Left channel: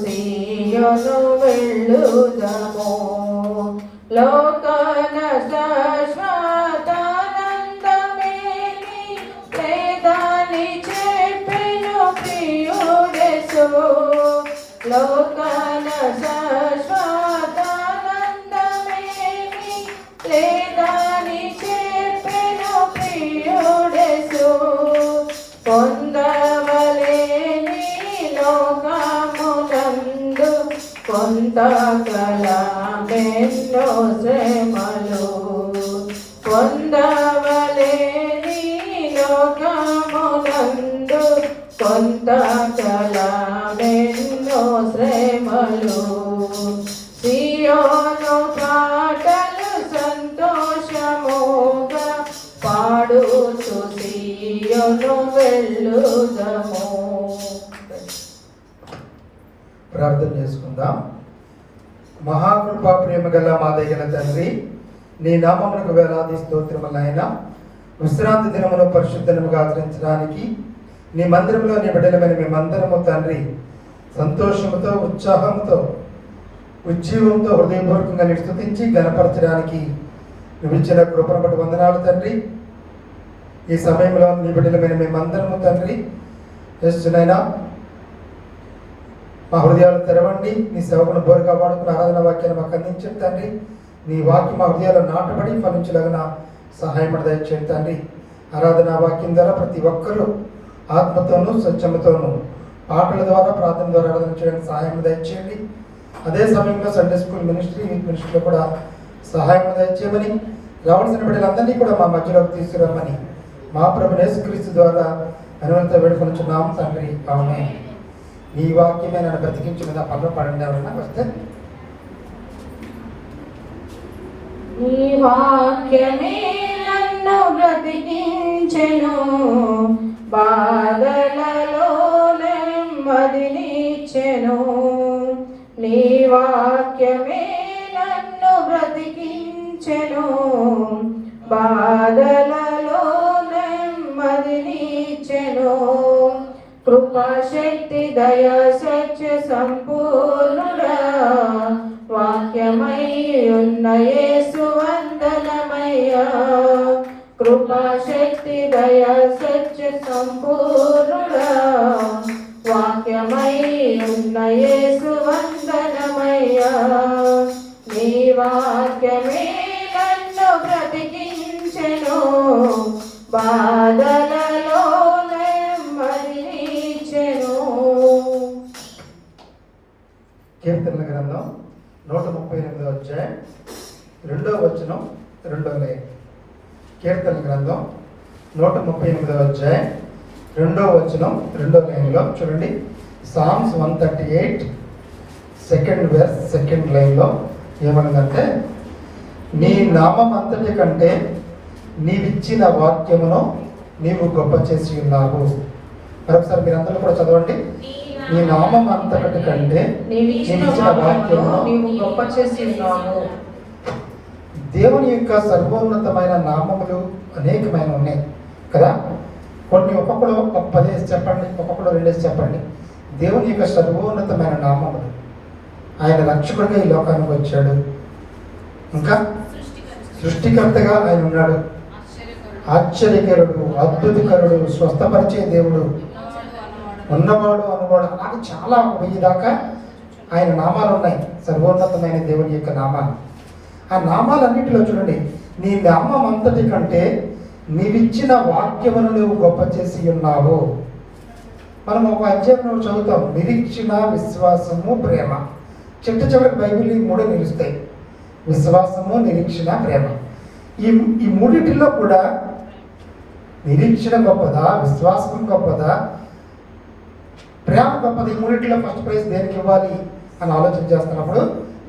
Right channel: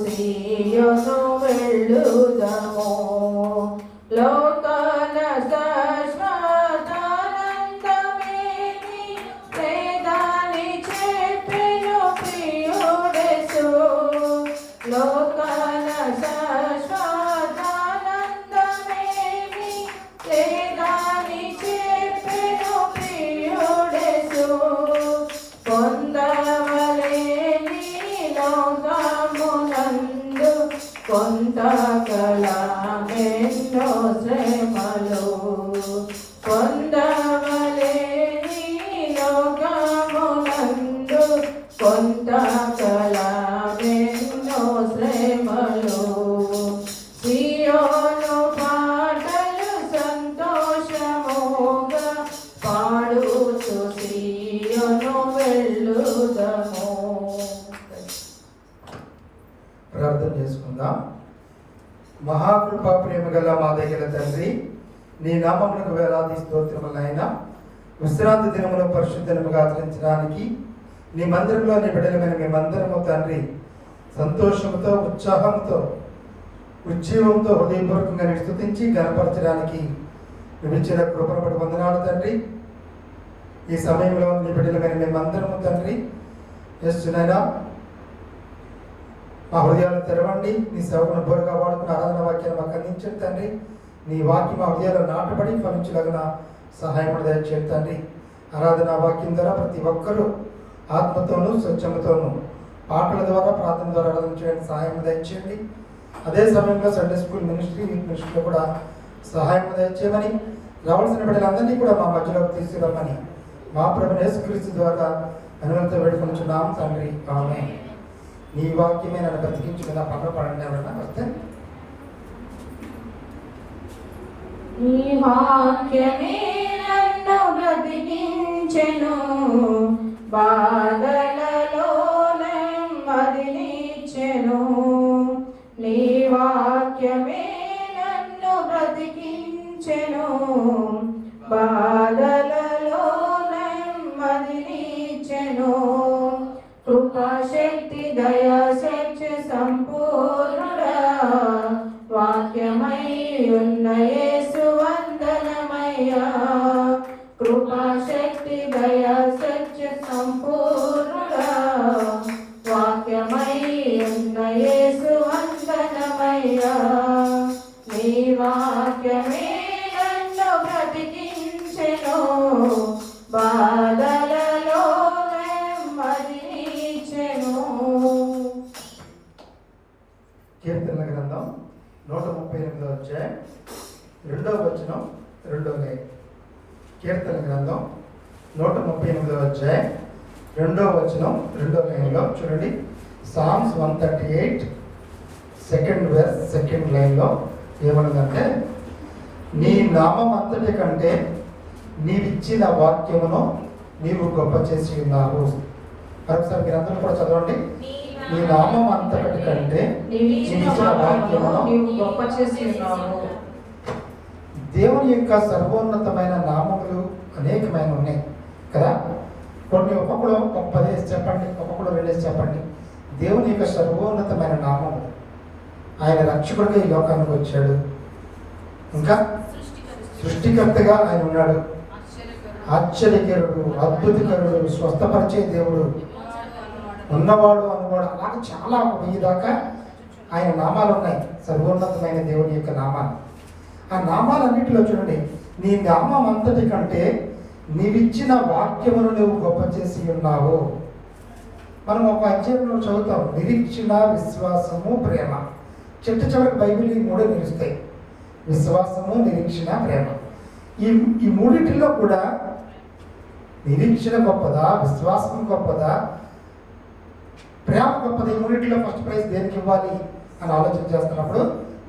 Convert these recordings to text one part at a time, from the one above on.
సియోను వెళ్ళుదము లోకాన శాశ్వతానందమేమి లేదని చెప్పెను ప్రియుడెసు లోకాన శాశ్వతానందమేమి లేదని చెప్పెను ప్రియుడెసు పొందవలేని లోకమునందు కొంతకాలమెన్నో శ్రమలు పొందవలేని లోకమునందు కొంతకాలమెన్నో శ్రమలు సియోను పాటలు సంతోషముగా పాడుచు సియోను వెళ్ళుదము. ప్రార్థన చేసుకుందాం. మహాకృపా ప్రేమ గల మా దయగల తండ్రి, నీ నామమునకు వేలాది స్తోత్రములైన విశ్రాంతి దినమును పరిశుద్ధముగా ఆచరించడానికి నీ మందిరంలో నీ బిడ్డలమైన మేమందరము తండ్రి సంతోషముతో ఉత్సాహంతో ఉజ్జీవంతో హృదయపూర్వకంగా నీ స్తుతించి గణపరచడానికి నువ్వు ఇచ్చిన కృపను బట్టి వందనాలు తండ్రి. ఈ సమయంలో నీ బిడ్డలమైన మేమందరము తండ్రి చేస్తున్నాయినా మా హృదయాలు తెరవండి. నీ సేవకును బోరుగా వాడుకుని ఆరాధన వాక్యాన్ని మాకు అందించండి తండ్రి. నీ వాక్యం మా హృదయాలు నాటబడి ఫలించలాగిన సహాయం దయచేయండి తండ్రి. ఆరాధన వాక్యం ద్వారా ప్రతి ఒక్కరూ ఆత్మతోనూ స్వచ్ఛతతోనూ పాటల ద్వారా ప్రార్థన ద్వారా ఆరాధన చేయడానికి సహాయం దయచేయండి. అదే సమయంలో సండే స్కూల్ మినిస్ట్రీ వీక్ మినిస్ట్రీలో కూడా సహాయం దయచేయమని, రావాల్సిన బిడ్డలందరినీ కూడా మా మధ్యలోకి తీసుకురామని మా ప్రభువు యేసుక్రీస్తు ద్వారా అనుమతితో వేడుకొనుచున్నాం తండ్రి. ఆమేన్. నీ వాక్యమే నన్ను బ్రతికించుకున్న పనులు పడండి. ఎవరైనా వస్తే నీ వాక్యమే నన్ను బ్రతికించెను, బాధలలో నెమ్మదినిచ్చెను. నీ వాక్యమే నన్ను బ్రతికించెను, బాధలలో నెమ్మదినిచ్చెను. కృపాశక్తి దయా సత్య సంపూర్ణుడా వాక్యమై ఉన్న యేసు వందనమయ్యా. కృపాశక్తి దయా సత్య సంపూర్ణుడా వాక్యమై ఉన్న యేసు వందనమయ్యా. నీ వాక్యమే నన్ను బ్రతికించెను, బాధలలో కీర్తనల గ్రంథం 138వ అధ్యాయం 2వ వచనం 2వ లైన్. కీర్తనల గ్రంథం 138వ అధ్యాయం 2వ వచనం 2వ లైన్లో చూడండి. సామ్స్ 138 సెకండ్ వెర్స్ సెకండ్ లైన్లో ఏమన్నదంటే, నీ నామం అంతటి కంటే నీవిచ్చిన వాక్యమును నీవు గొప్ప చేసి ఉన్నావు. మరొకసారి మీరందరూ కూడా చదవండి. నీ నామం అంతటి కంటే నీవిచ్చిన వాక్యమును నీవు గొప్ప చేసి ఉన్నావు. దేవుని యొక్క సర్వోన్నతమైన నామములు అనేకమైన ఉన్నాయి కదా. కొన్ని ఒక్కొక్కడు ఒక 10 చెప్పండి, ఒక్కొక్కడు 2 చెప్పండి. దేవుని యొక్క సర్వోన్నతమైన నామములు. ఆయన రక్షకుడిగా ఈ లోకానికి వచ్చాడు. ఇంకా సృష్టికర్తగా ఆయన ఉన్నాడు. ఆశ్చర్యకరుడు, అద్భుతకరుడు, స్వస్థపరిచే దేవుడు, ఉన్నవాడు అనువాడు, అలాగే చాలా 1000 దాకా ఆయన నామాలు ఉన్నాయి. సర్వోన్నతమైన దేవుని యొక్క నామాలు. ఆ నామాలన్నింటిలో చూడండి, నీ నామం అంతటి కంటే నీవిచ్చిన వాక్యమును నువ్వు గొప్ప చేసి ఉన్నావు. మనం ఒక అధ్యాయం చదువుతాం, నిరీక్షణ, విశ్వాసము, ప్రేమ. చివరికి బైబిల్ ఈ 3 నిలుస్తాయి. విశ్వాసము, నిరీక్షణ, ప్రేమ. ఈ మూడింటిలో కూడా నిరీక్షణ గొప్పదా, విశ్వాసం గొప్పదా, ప్రేమ గొప్పది? ఈ మూడింటిలో ఫస్ట్ ప్రైజ్ దేనికి ఇవ్వాలి అని ఆలోచన చేస్తున్నప్పుడు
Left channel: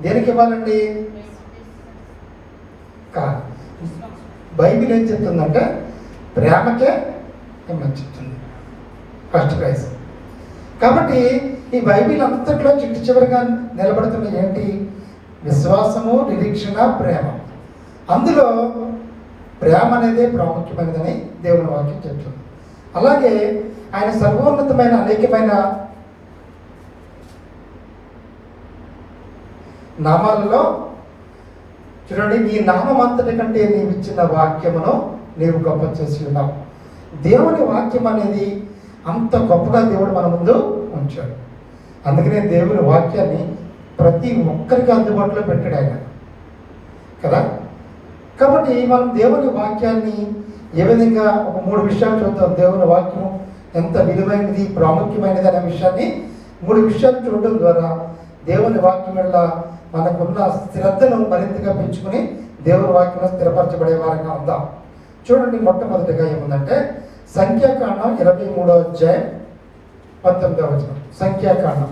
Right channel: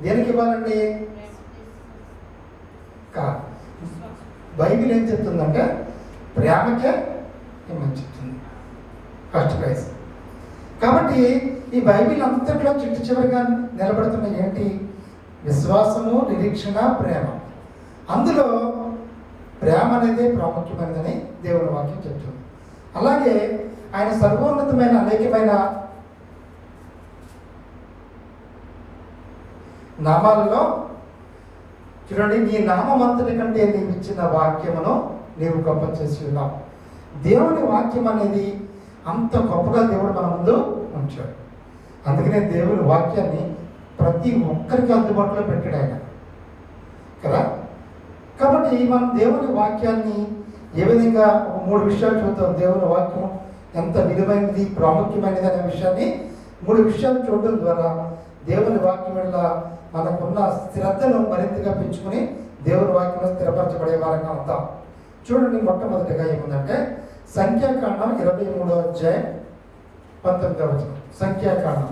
దేనికి ఇవ్వాలండి? కాదు, బైబిల్ ఏం చెప్తుందంటే ప్రేమకే ఇమ్మని చెప్తుంది ఫస్ట్ ప్రైజ్. కాబట్టి ఈ బైబిల్ అంతట్లో చివరిగా నిలబడుతున్న ఏంటి? విశ్వాసము, నిరీక్షణ, ప్రేమ. అందులో ప్రేమ అనేది ప్రాముఖ్యమైనదని దేవుని వాక్యం చెప్తుంది. అలాగే ఆయన సర్వోన్నతమైన అనేకమైన నామాలలో చూడండి, నీ నామం అంతటి కంటే నీవు ఇచ్చిన వాక్యమును నీవు గొప్ప చేసి ఉన్నావు. దేవుని వాక్యం అనేది అంత గొప్పగా దేవుడు మన ముందు ఉంచాడు. అందుకనే దేవుని వాక్యాన్ని ప్రతి ఒక్కరికి అందుబాటులో పెట్టాడు ఆయన కదా. కాబట్టి మనం దేవుని వాక్యాన్ని ఏ విధంగా ఒక 3 విషయాలు చూద్దాం. దేవుని వాక్యం ఎంత విలువైనది, ప్రాముఖ్యమైనది అనే విషయాన్ని 3 విషయాలు చూడడం ద్వారా దేవుని వాక్యం వల్ల మనకున్న శ్రద్ధను మరింతగా పెంచుకుని దేవుని వాక్యంలో స్థిరపరచబడే వారంగా ఉందాం. చూడండి, మొట్టమొదటిగా ఏముందంటే సంఖ్యాకాండం 23వ అధ్యాయం 19వ వచనం. సంఖ్యాకాండం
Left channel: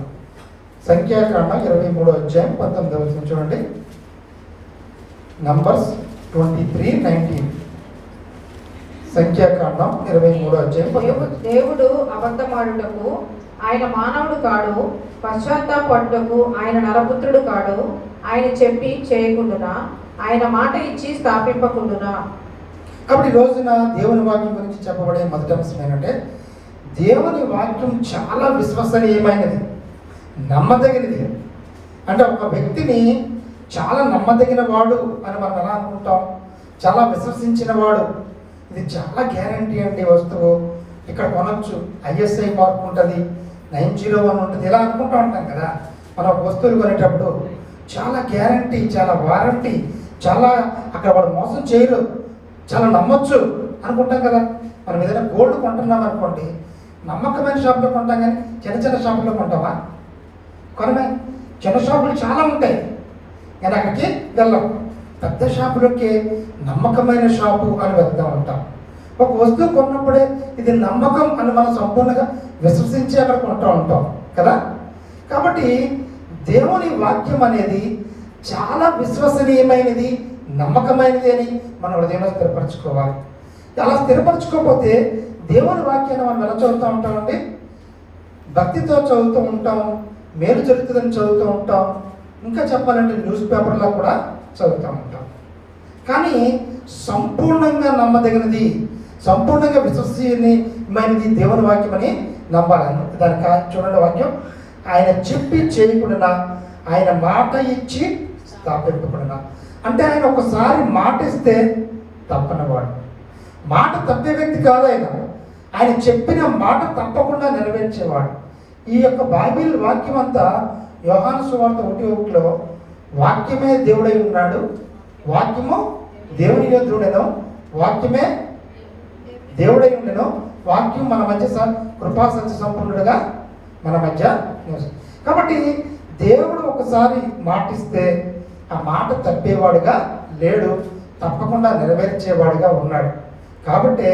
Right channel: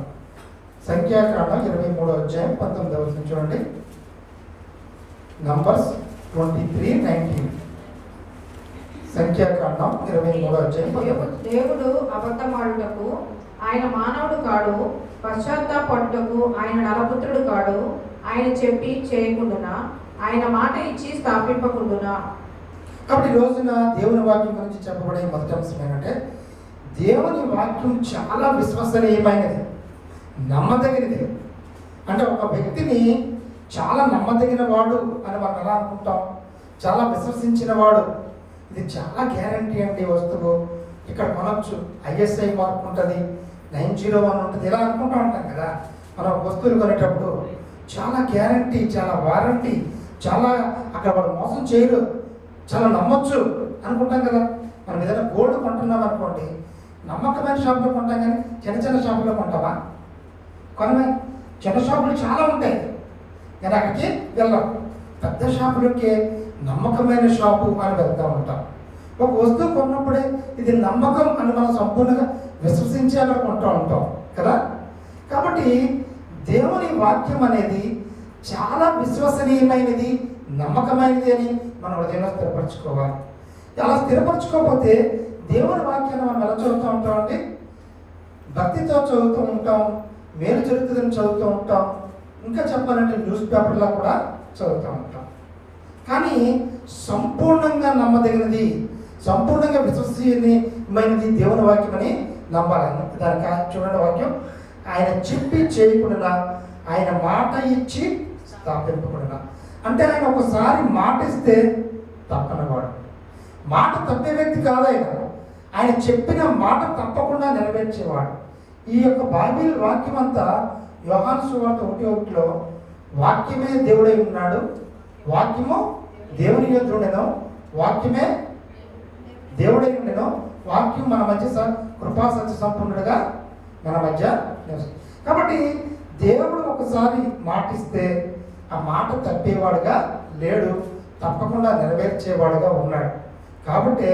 23వ అధ్యాయం 19వ వచనం చూడండి. నంబర్స్ 23:19. సంఖ్యాకాండం 23వ అధ్యాయం. దేవుడు అబద్ధమాడుటకు ఆయన మానవుడు కాడు, పశ్చాత్తాపడుటకు ఆయన నరపుత్రుడు కాడు. ఆయన చెప్పి చేయకుండునా, ఆయన మాట ఇచ్చి స్థాపింపకుండునా. కాబట్టి ఈ రోజున దేవుని వాక్యం గురించి చెప్పబడే మొదటి అంశం ఏంటంటే దేవుని వాక్యం చాలా విశ్వసనీయమైనది, నమ్మదగినది. అంటే ఒక వ్యక్తిని చాలా నమ్మదగిన వాడు అని మనం ఎలా అనుకుంటాం, చాలా విశ్వసించిన వాడు, ఇది చాలా గ్యారంటీ అండి వస్తువు, ఇక్కడ కొనొచ్చు, ISI మార్క్ ఉంటుంది, 901 ఉంటుంది, ఇలా అనుకుంటూ ఉంటాం కదా. మనం వస్తువులు కొనేటప్పుడు చాలా గ్యారంటీ, చాలా వారంటీ, చాలా అక్కడ వాడు మోసం చేయరు, చాలా నమ్మొచ్చు అనుకుంటాం కదా. మనం ఏదైనా గోల్డ్ కొంటున్నాం అనుకోండి, నమ్మకమైన షాపులో కొంటాం, కానీ చిన్న చిన్న షాపులో కొంటావా? కొనమే. చిన్న షాపులు చాలా ఉంటాయి కానీ అక్కడికి వెళ్ళాం. పెద్ద షాపులకి నమ్మకమైన షాపు అని వెళ్తూ ఉంటాం. ఒక వస్తువు కొన్నప్పుడే ఇది నమ్మకం అని మనం సంపూర్ణంగా విశ్వసించి అక్కడ కొంటూ ఉంటాం కదా. కాబట్టి దేవుని వాక్యం అనేది చాలా విశ్వసనీయమైనది, నమ్మకమైనది అని మనం హృదయంలో స్థిరపరచుకోవాలి. అలా స్థిరపరచుకోకపోతే దేవుని వాక్యాన్ని మనం ఎలా చదువుతూ ఉంటామండి? భక్తితో చదువుతూ ఉంటాం, మేలు జరుగుతుందని చదువుతూ ఉంటాం, ఇంకా చెప్పాలంటే న్యూస్ పేపర్లో కూడా చదువుతూ ఉంటాం. కానీ సంపూర్ణంగా నమ్మదగినది, సంపూర్ణంగా విశ్వసనీయమైనది దేవుని వాక్యం అని నమ్మాలి. దానికి చూడండి వాక్యం, ఆయన చెప్పి చేయకుండా ఆయన మాట ఇచ్చి స్థాపింపకుండా. అంటే ఆయన ఒకసారి మాట ఇస్తే తప్పనివాడు, మాట తప్పే వ్యక్తి కాదు ఆయన. ఆయన చెప్పిన మాట తప్పకుండా నెరవేర్చేవాడు. ఈ యొక్క బైబిల్ వాక్యం అంతా యోహాను సువార్త 1:1 వాక్యమే దేవుడై ఉన్నాడు, వాక్యము దేవుని యొద్దనుండెను, వాక్యమే దేవుడై ఉండెను, వాక్యం మన మధ్య కృపా సత్య సంపూర్ణుడుగా మన మధ్య. కాబట్టి దేవుడు ఒకసారి మాటిస్తే ఆ మాట తప్పేవాడుగా లేడు, తప్పకుండా నెరవేర్చేవాడుగా ఉన్నాడు. కాబట్టి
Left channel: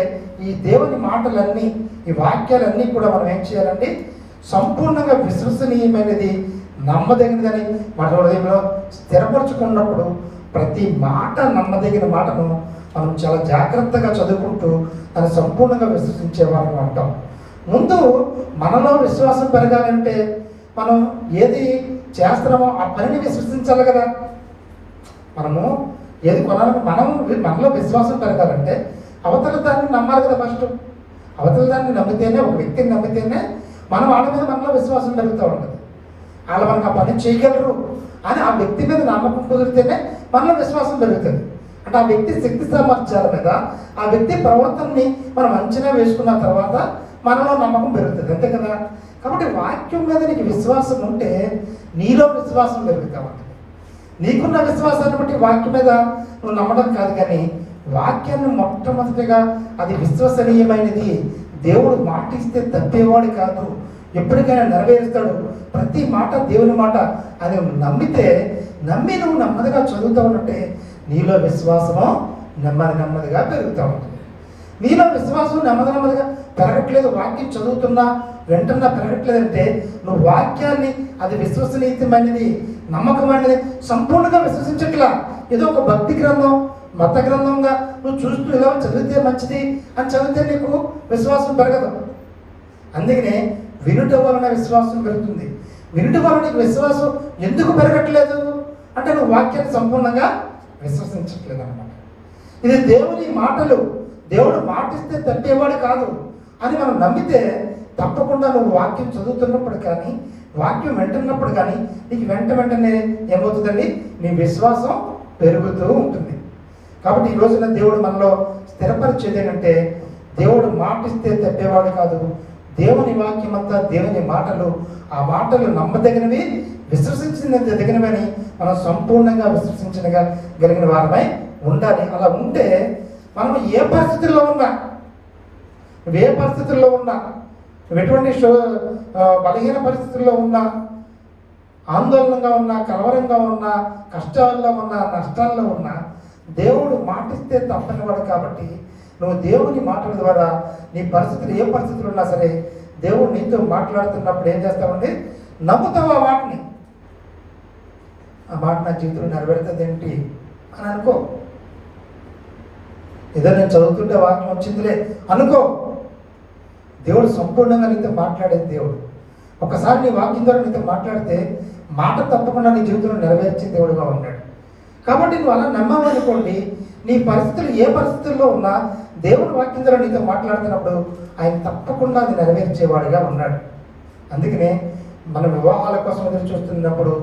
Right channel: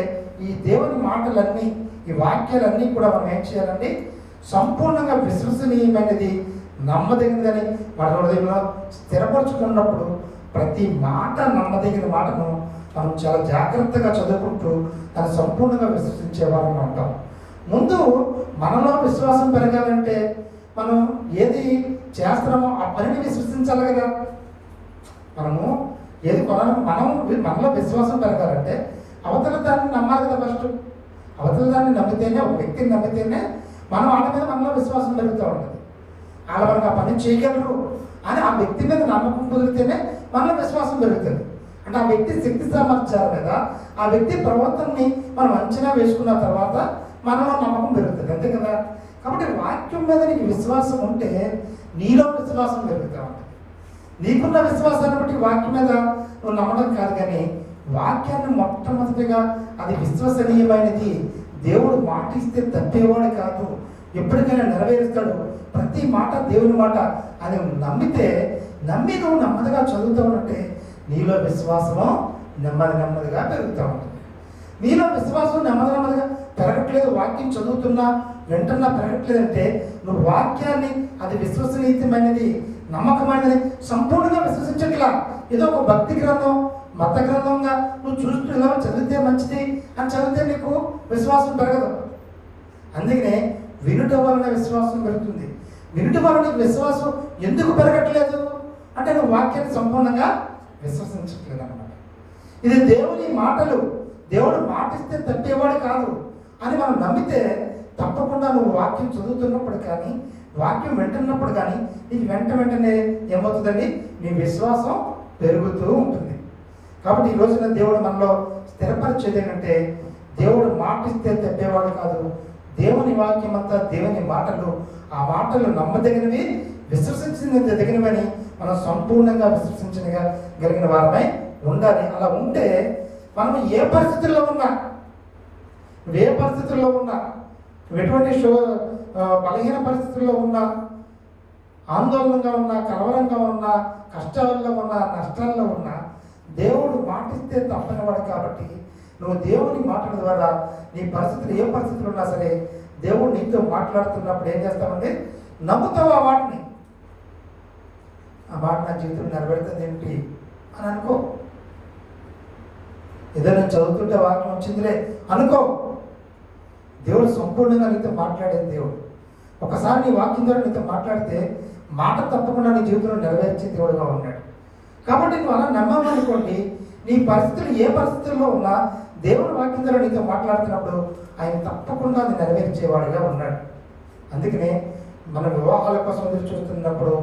ఈ దేవుని మాటలన్నీ, ఈ వాక్యాలన్నీ కూడా మనం ఏం చేయాలండి? సంపూర్ణంగా విశ్వసనీయమైనది, నమ్మదగినదని మన హృదయంలో స్థిరపరచుకున్నప్పుడు ప్రతి మాట, నమ్మదగిన మాటను మనం చాలా జాగ్రత్తగా చదువుకుంటూ దాన్ని సంపూర్ణంగా విశ్వసించే వారిగా ఉంటాం. ముందు మనలో విశ్వాసం పెరగాలంటే మనం ఏది చేస్తున్నామో ఆ పనిని విశ్వసించాలి కదా. మనము ఏది కొనాలి, మనలో విశ్వాసం పెరగాలంటే అవతల దాన్ని నమ్మాలి కదా. ఫస్ట్ అవతల దాన్ని నమ్మితేనే, ఒక వ్యక్తిని నమ్మితేనే మనం వాళ్ళ మీద మనలో విశ్వాసం పెరుగుతూ ఉంటుంది. వాళ్ళు మనకు ఆ పని చేయగలరు అని ఆ వ్యక్తి మీద నమ్మకం కుదిరితేనే మనలో విశ్వాసం పెరుగుతుంది. అంటే ఆ వ్యక్తి శక్తి సామర్థ్యాల మీద, ఆ వ్యక్తి ప్రవర్తనని మనం అంచనా వేసుకున్న తర్వాత మనలో నమ్మకం పెరుగుతుంది, అంతే కదా. కాబట్టి వాక్యం మీద నీకు విశ్వాసం ఉంటే నీలో విశ్వాసం పెరుగుతూ ఉంటుంది. నీకున్న విశ్వాసాన్ని బట్టి వాక్యం మీద నువ్వు నమ్మడం కాదు, కానీ వాక్యాన్ని మొట్టమొదటిగా అది విశ్వసనీయమైనది, దేవుడు మాట ఇస్తే తప్పేవాడు కాదు, ఎప్పటికైనా నెరవేరుస్తాడు, ప్రతి మాట దేవుని మాట అని నమ్మితే, నమ్మి నువ్వు నెమ్మదిగా చదువుతూ ఉంటే నీలో విశ్వాసము నెమ్మదిగా పెరుగుతూ ఉంటుంది. నీలో విశ్వాసం నెమ్మదిగా పెరగట్లేదు, వాక్యం చదువుతున్నా వెంటనే పెరగట్లేదంటే నువ్వు వాక్యాన్ని అది విశ్వసనీయమైనది, నమ్మకమైనది సంపూర్ణంగా విశ్వసించట్లా. ఏదో ఒక భక్తి గ్రంథం, మత గ్రంథంగా నువ్వు చూస్తూ ఏదో చదివితే మంచిది అని చదివితే నీకు విశ్వాసం పెరగదు. అందుకనే వినుట వలన విశ్వాసం పెరుగుతుంది. వినుట వలన నీకు విశ్వాసం ఎందుకు పెరగట్లేదు అంటే నువ్వు వాక్యాన్ని సంపూర్ణంగా విశ్వసించట్లేదు అన్నమాట. ఇది దేవుని మాటలు, దేవుడు మాటిస్తే తప్పేవాడు కాదు అని మనం నమ్మితే తప్పకుండా నువ్వు వాక్యం చదువుతున్నప్పుడు కానీ, వాక్యం వింటున్నప్పుడు కానీ నీకు వెంటనే ఏమవుతుందండి, నీ విశ్వాసం పెరుగుతూ ఉంటుంది. కాబట్టి ఈ రోజున దేవుడు మనలో స్థిరపరిచేది ఏంటంటే, దేవుడు మాటిస్తే తప్పేవాడు కాదు. దేవుని వాక్యం అంతా దేవుని మాటలు, ఆ మాటలు నమ్మదగినవి, విశ్వసించదగినవని మనం సంపూర్ణంగా విశ్వసించగలిగిన వారమై ఉండాలి. అలా ఉంటే మనం ఏ పరిస్థితుల్లో ఉన్నా, నువ్వు ఎటువంటి బలహీన పరిస్థితుల్లో ఉన్నా, ఆందోళనగా ఉన్నా, కలవరంగా ఉన్నా, కష్టాల్లో ఉన్నా, నష్టాల్లో ఉన్నా, దేవుడు మాటిస్తే తప్పనివాడు. కాబట్టి నువ్వు దేవుని మాటల ద్వారా నీ పరిస్థితులు ఏ పరిస్థితులు ఉన్నా సరే, దేవుడు నీతో మాట్లాడుతున్నప్పుడు ఏం చేస్తామండి, నమ్ముతావు ఆ మాటని. ఆ మాట నా జీవితం నెరవేరుతుంది ఏంటి అని అనుకో. ఏదో నేను చదువుతుంటే వాక్యం వచ్చిందిలే అనుకో. దేవుడు సంపూర్ణంగా నీతో మాట్లాడేది దేవుడు. ఒకసారి నీ వాక్యం ద్వారా నీతో మాట్లాడితే మాట తప్పకుండా నీ జీవితంలో నెరవేర్చే దేవుడుగా ఉన్నాడు. కాబట్టి నువ్వు అలా నమ్మవనుకోండి, నీ పరిస్థితులు ఏ పరిస్థితుల్లో ఉన్నా దేవుడు వాక్యం ద్వారా నీతో మాట్లాడుతున్నప్పుడు ఆయన తప్పకుండా అది నెరవేర్చేవాడుగా ఉన్నాడు. అందుకనే మన వివాహాల కోసం ఎదురు చూస్తున్నప్పుడు,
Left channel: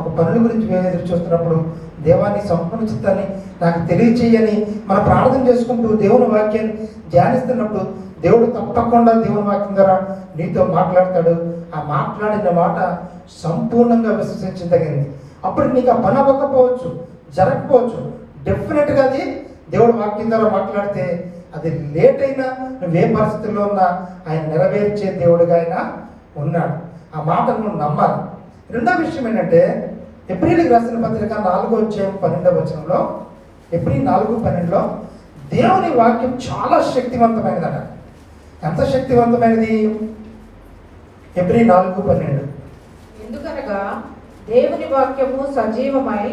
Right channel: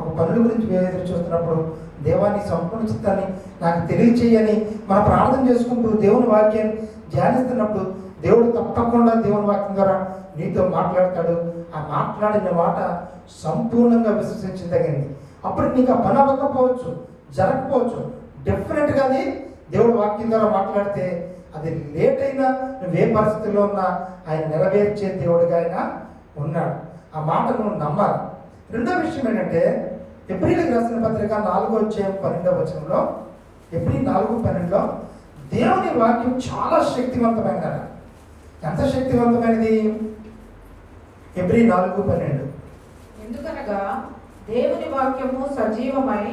ఒక పనుల గురించి ఎదురు చూస్తున్నప్పుడు, దేవాన్ని సంపూర్ణ చిత్తాన్ని నాకు తెలియచేయని మనం ప్రార్థన చేసుకుంటూ దేవుని వాక్యాన్ని ధ్యానిస్తున్నప్పుడు దేవుడు తప్పకుండా దేవుని వాక్యం ద్వారా నీతో మాట్లాడతాడు. ఆ మాట్లాడిన మాట సంపూర్ణంగా విశ్వసించదగింది. అప్పుడు నీకు ఆ పని అవ్వకపోవచ్చు, జరగకపోవచ్చు, డెఫినెట్గా అది దేవుడు వాక్యం ద్వారా మాట్లాడితే అది లేట్ అయినా నువ్వే పరిస్థితుల్లో ఉన్నా ఆయన నెరవేర్చే దేవుడిగా ఆయన ఉన్నాడు. ఆ మాట నువ్వు నమ్మాలి. రెండో విషయం ఏంటంటే, ఎబ్రీయులకు రాసిన పత్రిక 4:12 ఎబ్రీ 4:12 దేవుని వాక్యం చాలా శక్తివంతమైనదట. ఎంత శక్తివంతమైనది? ఎబ్రీ 4:12 ఎందుకనగా దేవుని వాక్యము సజీవమై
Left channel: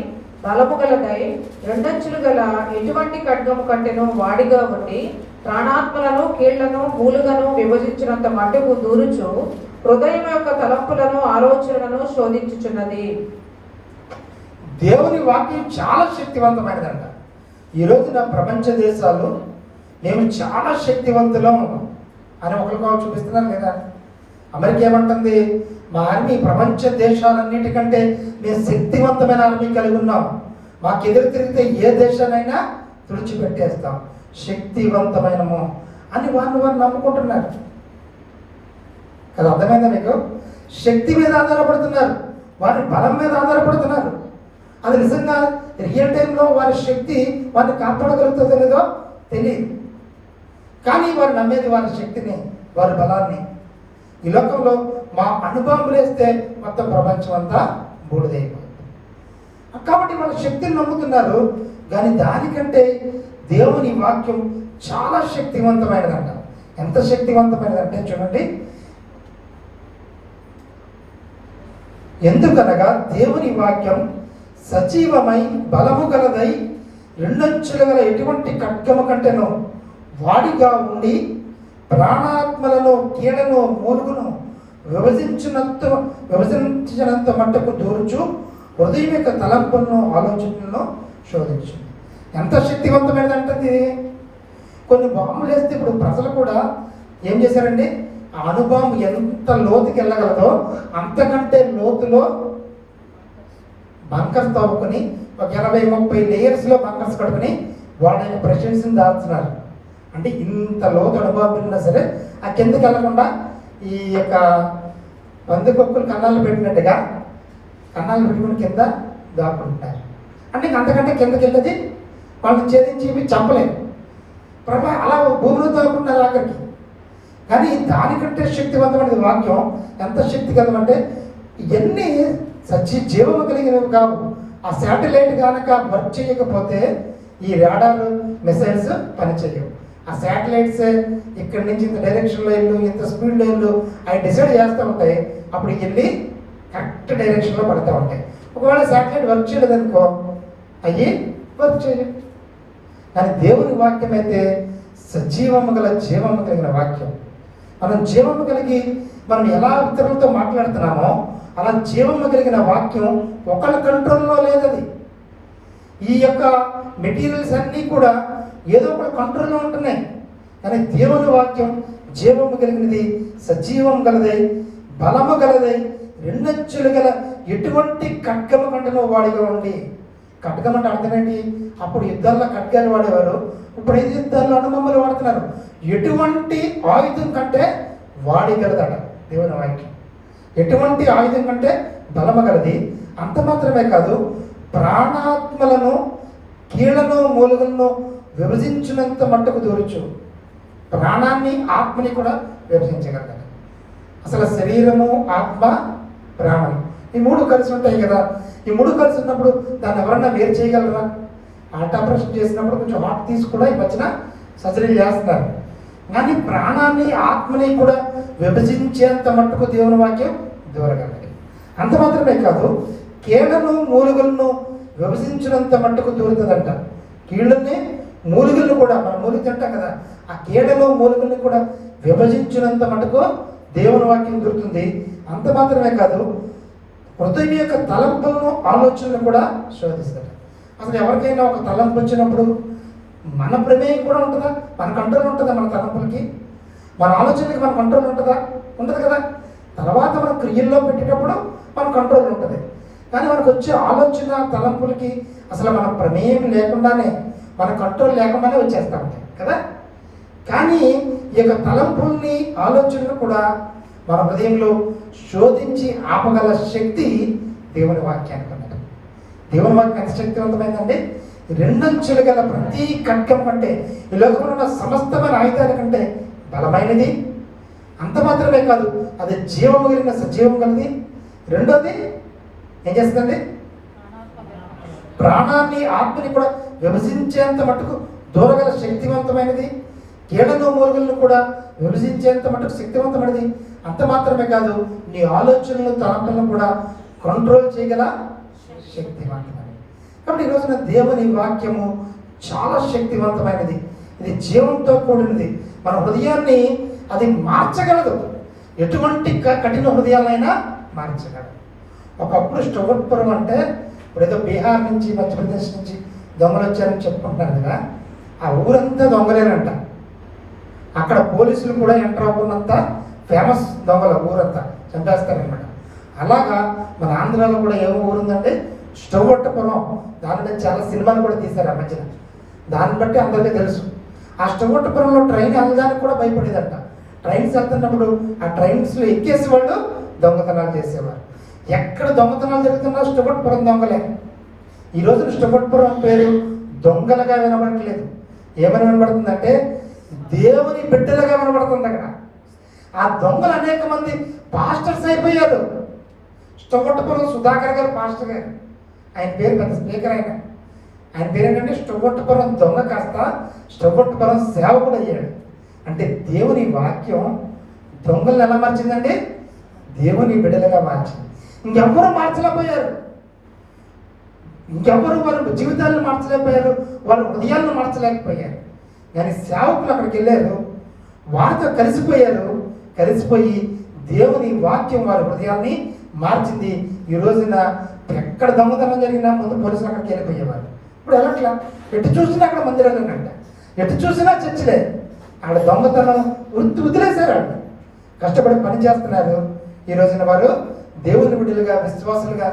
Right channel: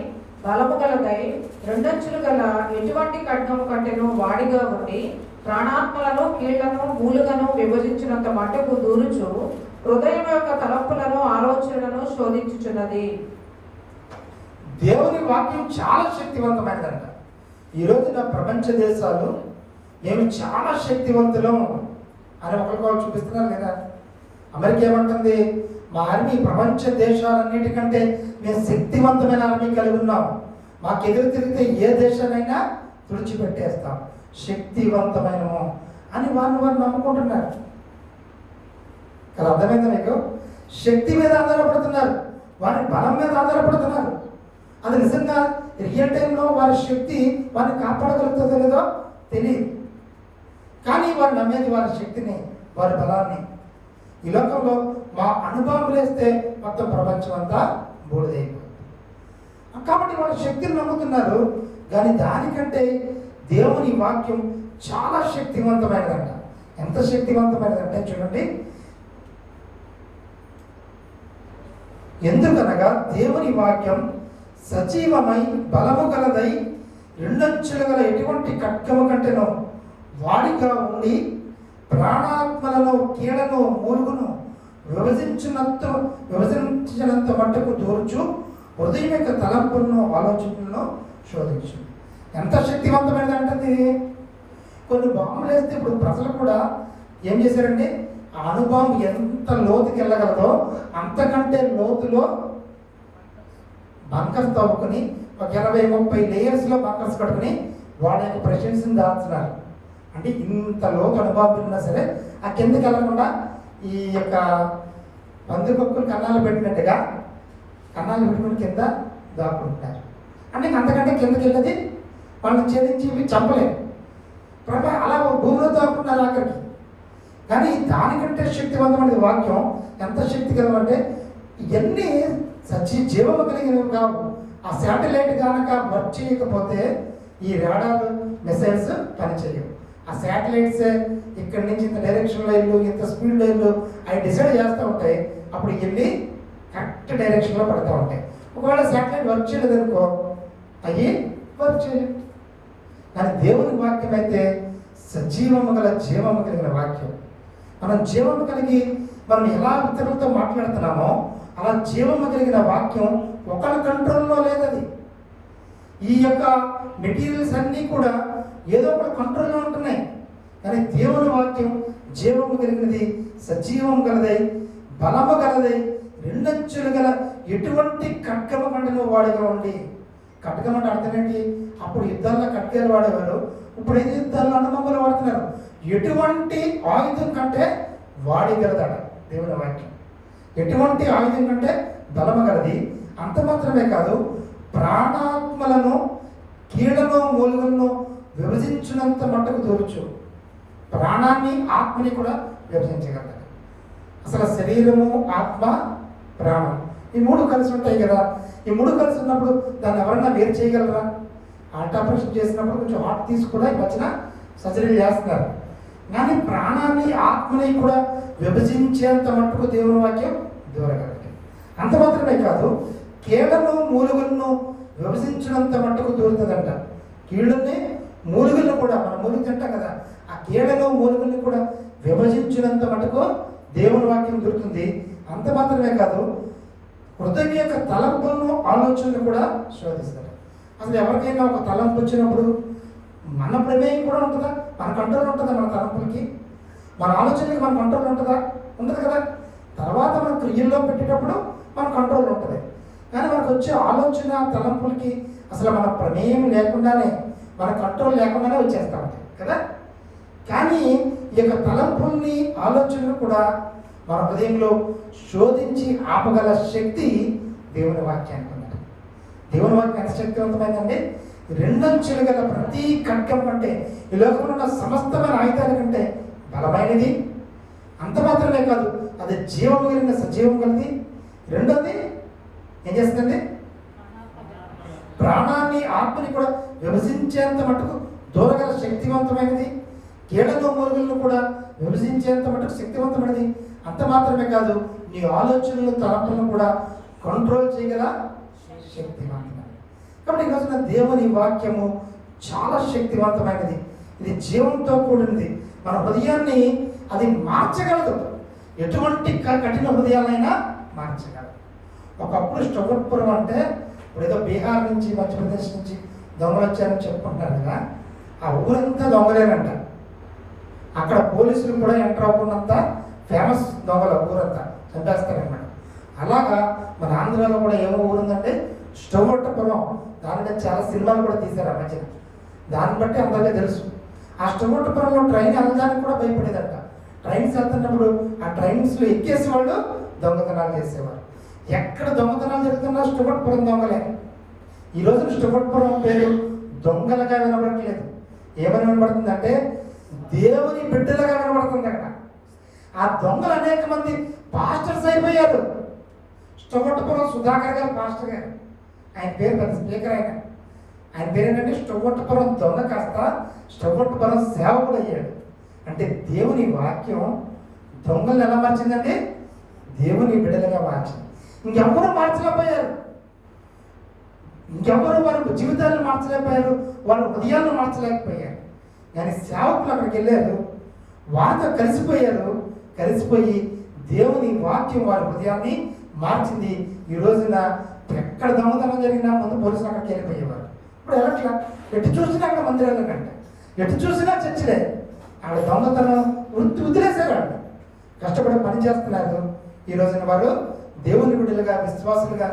బలము గలదై రెండంచులు గల ఎటువంటి ఖడ్గము కంటెను వాడిగా ఉండి ప్రాణాత్మలను కీళ్లను మూలుగను విభజించినంత మట్టుకు దూరుచు హృదయం యొక్క తలంపులను ఆలోచనలను శోధించుచున్నది. దేవుని వాక్యం చాలా శక్తివంతమైనదంట. ఈరోజు నా ప్రపంచ దేశాలు మేము చాలా శక్తివంతులం అని ఒకరికొకరు చూపిస్తున్నారు లేదా? అమెరికా ఏమంటుంది, మా ఆర్మీ ప్రపంచ దేశాలన్నిటికంటే మేము శక్తివంతమైన ఆర్మీ కలిగి ఉన్నాం, మాకు ఎదురు తిరిగితే ఏ దేశానైనా తుడిచిపెట్టేస్తాం, శక్తివంతమైనము అని వారు నమ్ముకుంటున్నారు. అది అర్థమైందా మీకు? శక్తి మీద ఆధారపడుతున్నారు, వారి బలం మీద ఆధారపడుతున్నారు. అది నిజంగా రియల్ టైంలో వారి శక్తి వారిని కాపాడగలుగుతుందో లేదో తెలియదు. కానీ వారు నమ్మేది వారి శక్తిని, వారి బలాన్ని. ఈ లోకంలో మా అనుభవం వేస్తే మొత్తం ప్రపంచం అంతా బూడిదైపోతుంది. కాబట్టి వాళ్ళ శక్తిని నమ్ముతున్నారు. కానీ దానికంటే దేవుని వాక్యం చాలా శక్తివంతమైనదంట. ఎంత శక్తివంతమైనదంటే చూడండి, ఎందుకనగా దేవుని వాక్యం సజీవమై బలము గలదై రెండంచులు గల ఎటువంటి ఖడ్గము కంటేనో వాడిగా ఉండి ప్రాణాత్మలను కీళ్లను మూలుగును విభజించినంత మట్టుకు దూర్చు హృదయం యొక్క తలంపులను ఆలోచనలను శోధించు. ఎంత శక్తివంతమైనదంటే కొన్ని బాంబులు వేస్తే ఇప్పుడు ప్రజలు కూడా ఏం చేశారండి, ఆ అణుబాంబు ఎంత లోతుకి వెళ్ళగలదో అంతకంటే లోతులో బంకర్స్ తవ్వుకొని ఒక 20-30 లేయర్స్లో బంకర్స్ కట్టుకుని వాళ్ళ యొక్క ప్రెషర్స్ని దాచుతున్నారు. అంటే ఇంత లోతు అణుబాంబులు ఉన్నా సరే ఆ కిందకి వెళ్ళకుండా ఈ యొక్క పందికొక్కులు కన్నాలు పెట్టినట్టుగా కన్నాలు పెట్టుకుని కింద దాక్కుంటారు. అంటే అంతకంటే కిందకి వెళ్ళది వాళ్ళని ఛేదించి చంపలేదు. అలా భూమిలో దాక్కుంటారు ఆఖరికి. కానీ దానికంటే శక్తివంతమైన వాక్యం ఎంత శక్తి కలవంటే ఇవన్నీ జీవము కలిగినవి కావు. ఆ శాటిలైట్ కనుక వర్క్ చేయకపోతే ఈ రాడార్ మిసైల్స్ పనిచేయవు. ఆ శాటిలైట్స్ ఇక్కడి నుంచి ఇంత డైరెక్షన్లో వెళ్ళు, ఇంత స్పీడ్లో వెళ్ళు అవి డిసైడ్ చేస్తూ ఉంటాయి. అప్పుడు వెళ్ళి కరెక్ట్ డైరెక్షన్లో పడుతూ ఉంటాయి. ఒకవేళ శాటిలైట్ వర్క్ చేయలేదనుకో అయ్యి వర్క్ చేయవు. కానీ దేవుని వాక్యం అయితే సజీవము గల జీవము కలిగిన వాక్యం. మనం జీవము కలిగి మనం ఎలా ఇతరులతో మాట్లాడుతున్నామో అలా జీవము కలిగిన వాక్యం ఒకరి కంట్రోల్లో లేదది. ఈ యొక్క మెటీరియల్స్ అన్నీ కూడా ఏదో ఒక కంట్రోల్లో ఉంటున్నాయి. కానీ దేవుని వాక్యం జీవము కలిగినది, సజీవం గలదై, బలము గలదై, రెండంచులు గల ఎటువంటి ఖడ్గము కంటను వాడిగా ఉండి. ఖడ్గం అంటే అర్థమేంటి? అప్పుడు యుద్ధాల్లో ఖడ్గాలు వాడేవారు, ఇప్పుడు ఏది యుద్ధాల్లో అనుమమ్మలు వాడుతున్నారు. ఎటువంటి ఆయుధం కంటే వాడిగలదట దేవుని వాక్యం. ఎటువంటి ఆయుధం కంటే బలమగలది. అంత మాత్రమే కాదు, ప్రాణాత్మలను కీళ్లను మూలుగులను విభజించినంత మట్టుకు దూరచ్చు. ప్రాణాన్ని ఆత్మని కూడా విభజించగలదు. అసలు శరీరము, ఆత్మ, ప్రాణం ఈ మూడు కలిసి ఉంటాయి కదా. ఈ మూడు కలిసి ఉన్నప్పుడు దాన్ని ఎవరన్నా వేరు చేయగలరా? హార్ట్ ఆపరేషన్ చేసినప్పుడు కొంచెం హార్ట్ తీసి కూడా ఈ మధ్యన సర్జరీ చేస్తున్నారు. కానీ ప్రాణాన్ని, ఆత్మని కూడా విభజించేంత మట్టుకు దేవుని వాక్యం దూరగలదు. అంత మాత్రమే కాదు, కీళ్లను మూలుగులను విభజించినంత మట్టుకు దూరుతుందంట. కీళ్ళని మూలుగులను కూడా, మనం మూలిగి తింటాం కదా, ఆ కీళ్లను మూలుగులను కూడా విభజించినంత మటుకు దేవుని వాక్యం దొరుకుతుంది. అంత మాత్రమే కాదు, హృదయం యొక్క తలంపులను, ఆలోచనలు కూడా శోధిస్తారు. అసలు ఎవరికైనా ఒక తలంపు వచ్చినప్పుడు మన ప్రమేయం కూడా ఉంటుందా? మన కంట్రోల్ ఉంటుందా? మన తలంపులకి, మన ఆలోచనలకి మన కంట్రోల్ ఉంటుందా? ఉంటుంది కదా. తర్వాత మనం క్రియల్లో పెట్టేటప్పుడు మన కంట్రోల్ ఉంటుంది. కానీ మనకు వచ్చే ఆలోచన, తలంపులకి అసలు మన ప్రమేయం లేకుండానే, మన కంట్రోల్ లేకుండానే వచ్చేస్తూ ఉంటాయి కదా. కానీ ఈ యొక్క తలంపుల్ని, ఆలోచనలు కూడా మన హృదయంలో శోధించి ఆపగల శక్తి దేవుని వాక్యానికి ఉన్నది. దేవుని వాక్యం ఎంత శక్తివంతమైందంటే, రెండంచులు గల ప్రతి ఖడ్గం కంటే, ఈ లోకంలో ఉన్న సమస్తమైన ఆయుధాల కంటే బలమైనది. అంత మాత్రమే కాదు, అది జీవము కలిగిన సజీవం కలిగి. రెండోది ఏం చేస్తుందండి? ప్రాణాన్ని, ఆత్మని కూడా విభజించేంత మటుకు దూరగల శక్తివంతమైనది. కీళ్లను మూలుగులను కూడా విభజించేంత మటుకు శక్తివంతమైనది. అంత మాత్రమే కాదు, నీ ఆలోచనలు, తలంపులను కూడా కంట్రోల్ చేయగల శక్తివంతమైనది. కాబట్టి ఈ రోజున దేవుని వాక్యము చాలా శక్తివంతమైనది. ఇది జీవంతో కూడినది. మన హృదయాన్ని అది మార్చగలదు. ఎటువంటి కఠిన హృదయాలైనా మార్చగలదు. ఒకప్పుడు స్టొగట్పురం అంటే, ఇప్పుడు ఏదో బీహార్ నుంచి, మధ్యప్రదేశ్ నుంచి దొంగలు వచ్చారని చెప్పుకుంటున్నారు కదా, ఆ ఊరంతా దొంగలేనంట. అక్కడ పోలీసులు కూడా ఎంటర్ అవ్వకున్నంత ఫేమస్ దొంగల ఊరంతా చంపేస్తారనమాట. అలాగా మన ఆంధ్రాలో కూడా ఏమో ఊరుందంటే స్టొగట్టపురం. దాని చాలా సినిమాలు కూడా తీశారు ఆ మధ్యన. దాన్ని బట్టి అందరికీ తెలుసు. ఆ స్టొగట్టపురంలో ట్రైన్ వెళ్ళడానికి కూడా భయపడేదంట. ట్రైన్స్ వెళ్తున్నప్పుడు ఆ ట్రైన్స్లో ఎక్కేసి వాళ్ళు దొంగతనాలు చేసేవారు. ఎక్కడ దొంగతనాలు జరుగుతున్నా స్టొగట్టపురం దొంగలే. ఈ రోజు స్టొగట్టపురం పేరు దొంగలుగా వినబడట్లేదు. ఏమని వినబడుతుందంటే దేవుని బిడ్డలుగా వినబడుతుంది అక్కడ. ఆ దొంగలు అనేక మంది పాస్టర్స్ అయిపోయారు. స్టొగట్టపురం సుధాకర్ గారు పాస్టర్ గారు, ఆయన పేరు పెద్ద స్పీకర్. ఆయన పేరు ఏంటంటే స్టొగట్టపురం దొంగ కాస్త స్టొగట్టపురం సేవకుడు అయ్యాడు. అంటే దేవుని వాక్యం దొంగలను ఎలా మార్చిందంటే దేవుని బిడ్డలుగా మార్చింది. ఇంకెవ్వరూ మార్చలేకపోయారు. ఇంకెవ్వరు వారి జీవితాలను మార్చలేకపోయారు, వాళ్ళ హృదయాలను మార్చలేకపోయారు. కానీ సేవకులు అక్కడికి వెళ్ళారు, వారితో కలిసిపోయి దేవుని వాక్యం వారి హృదయాన్ని మార్చింది. ఈ రోజున ఎక్కడ దొంగతనం జరిగినా ముందు పోలీసులు అక్కడికి వెళ్ళిపోయేవారు. ఇప్పుడు ఎలాట్లా? ఎటు చూసినా అక్కడ మందిరాలేనంట, ఎటు చూసినా చర్చలే. అక్కడ దొంగతనం వదిలేశారు. వాళ్ళు కష్టపడి పని చేస్తున్నారు. ఈ రోజున వారు దేవుని బిడ్డలుగా, విశ్వాసులుగా,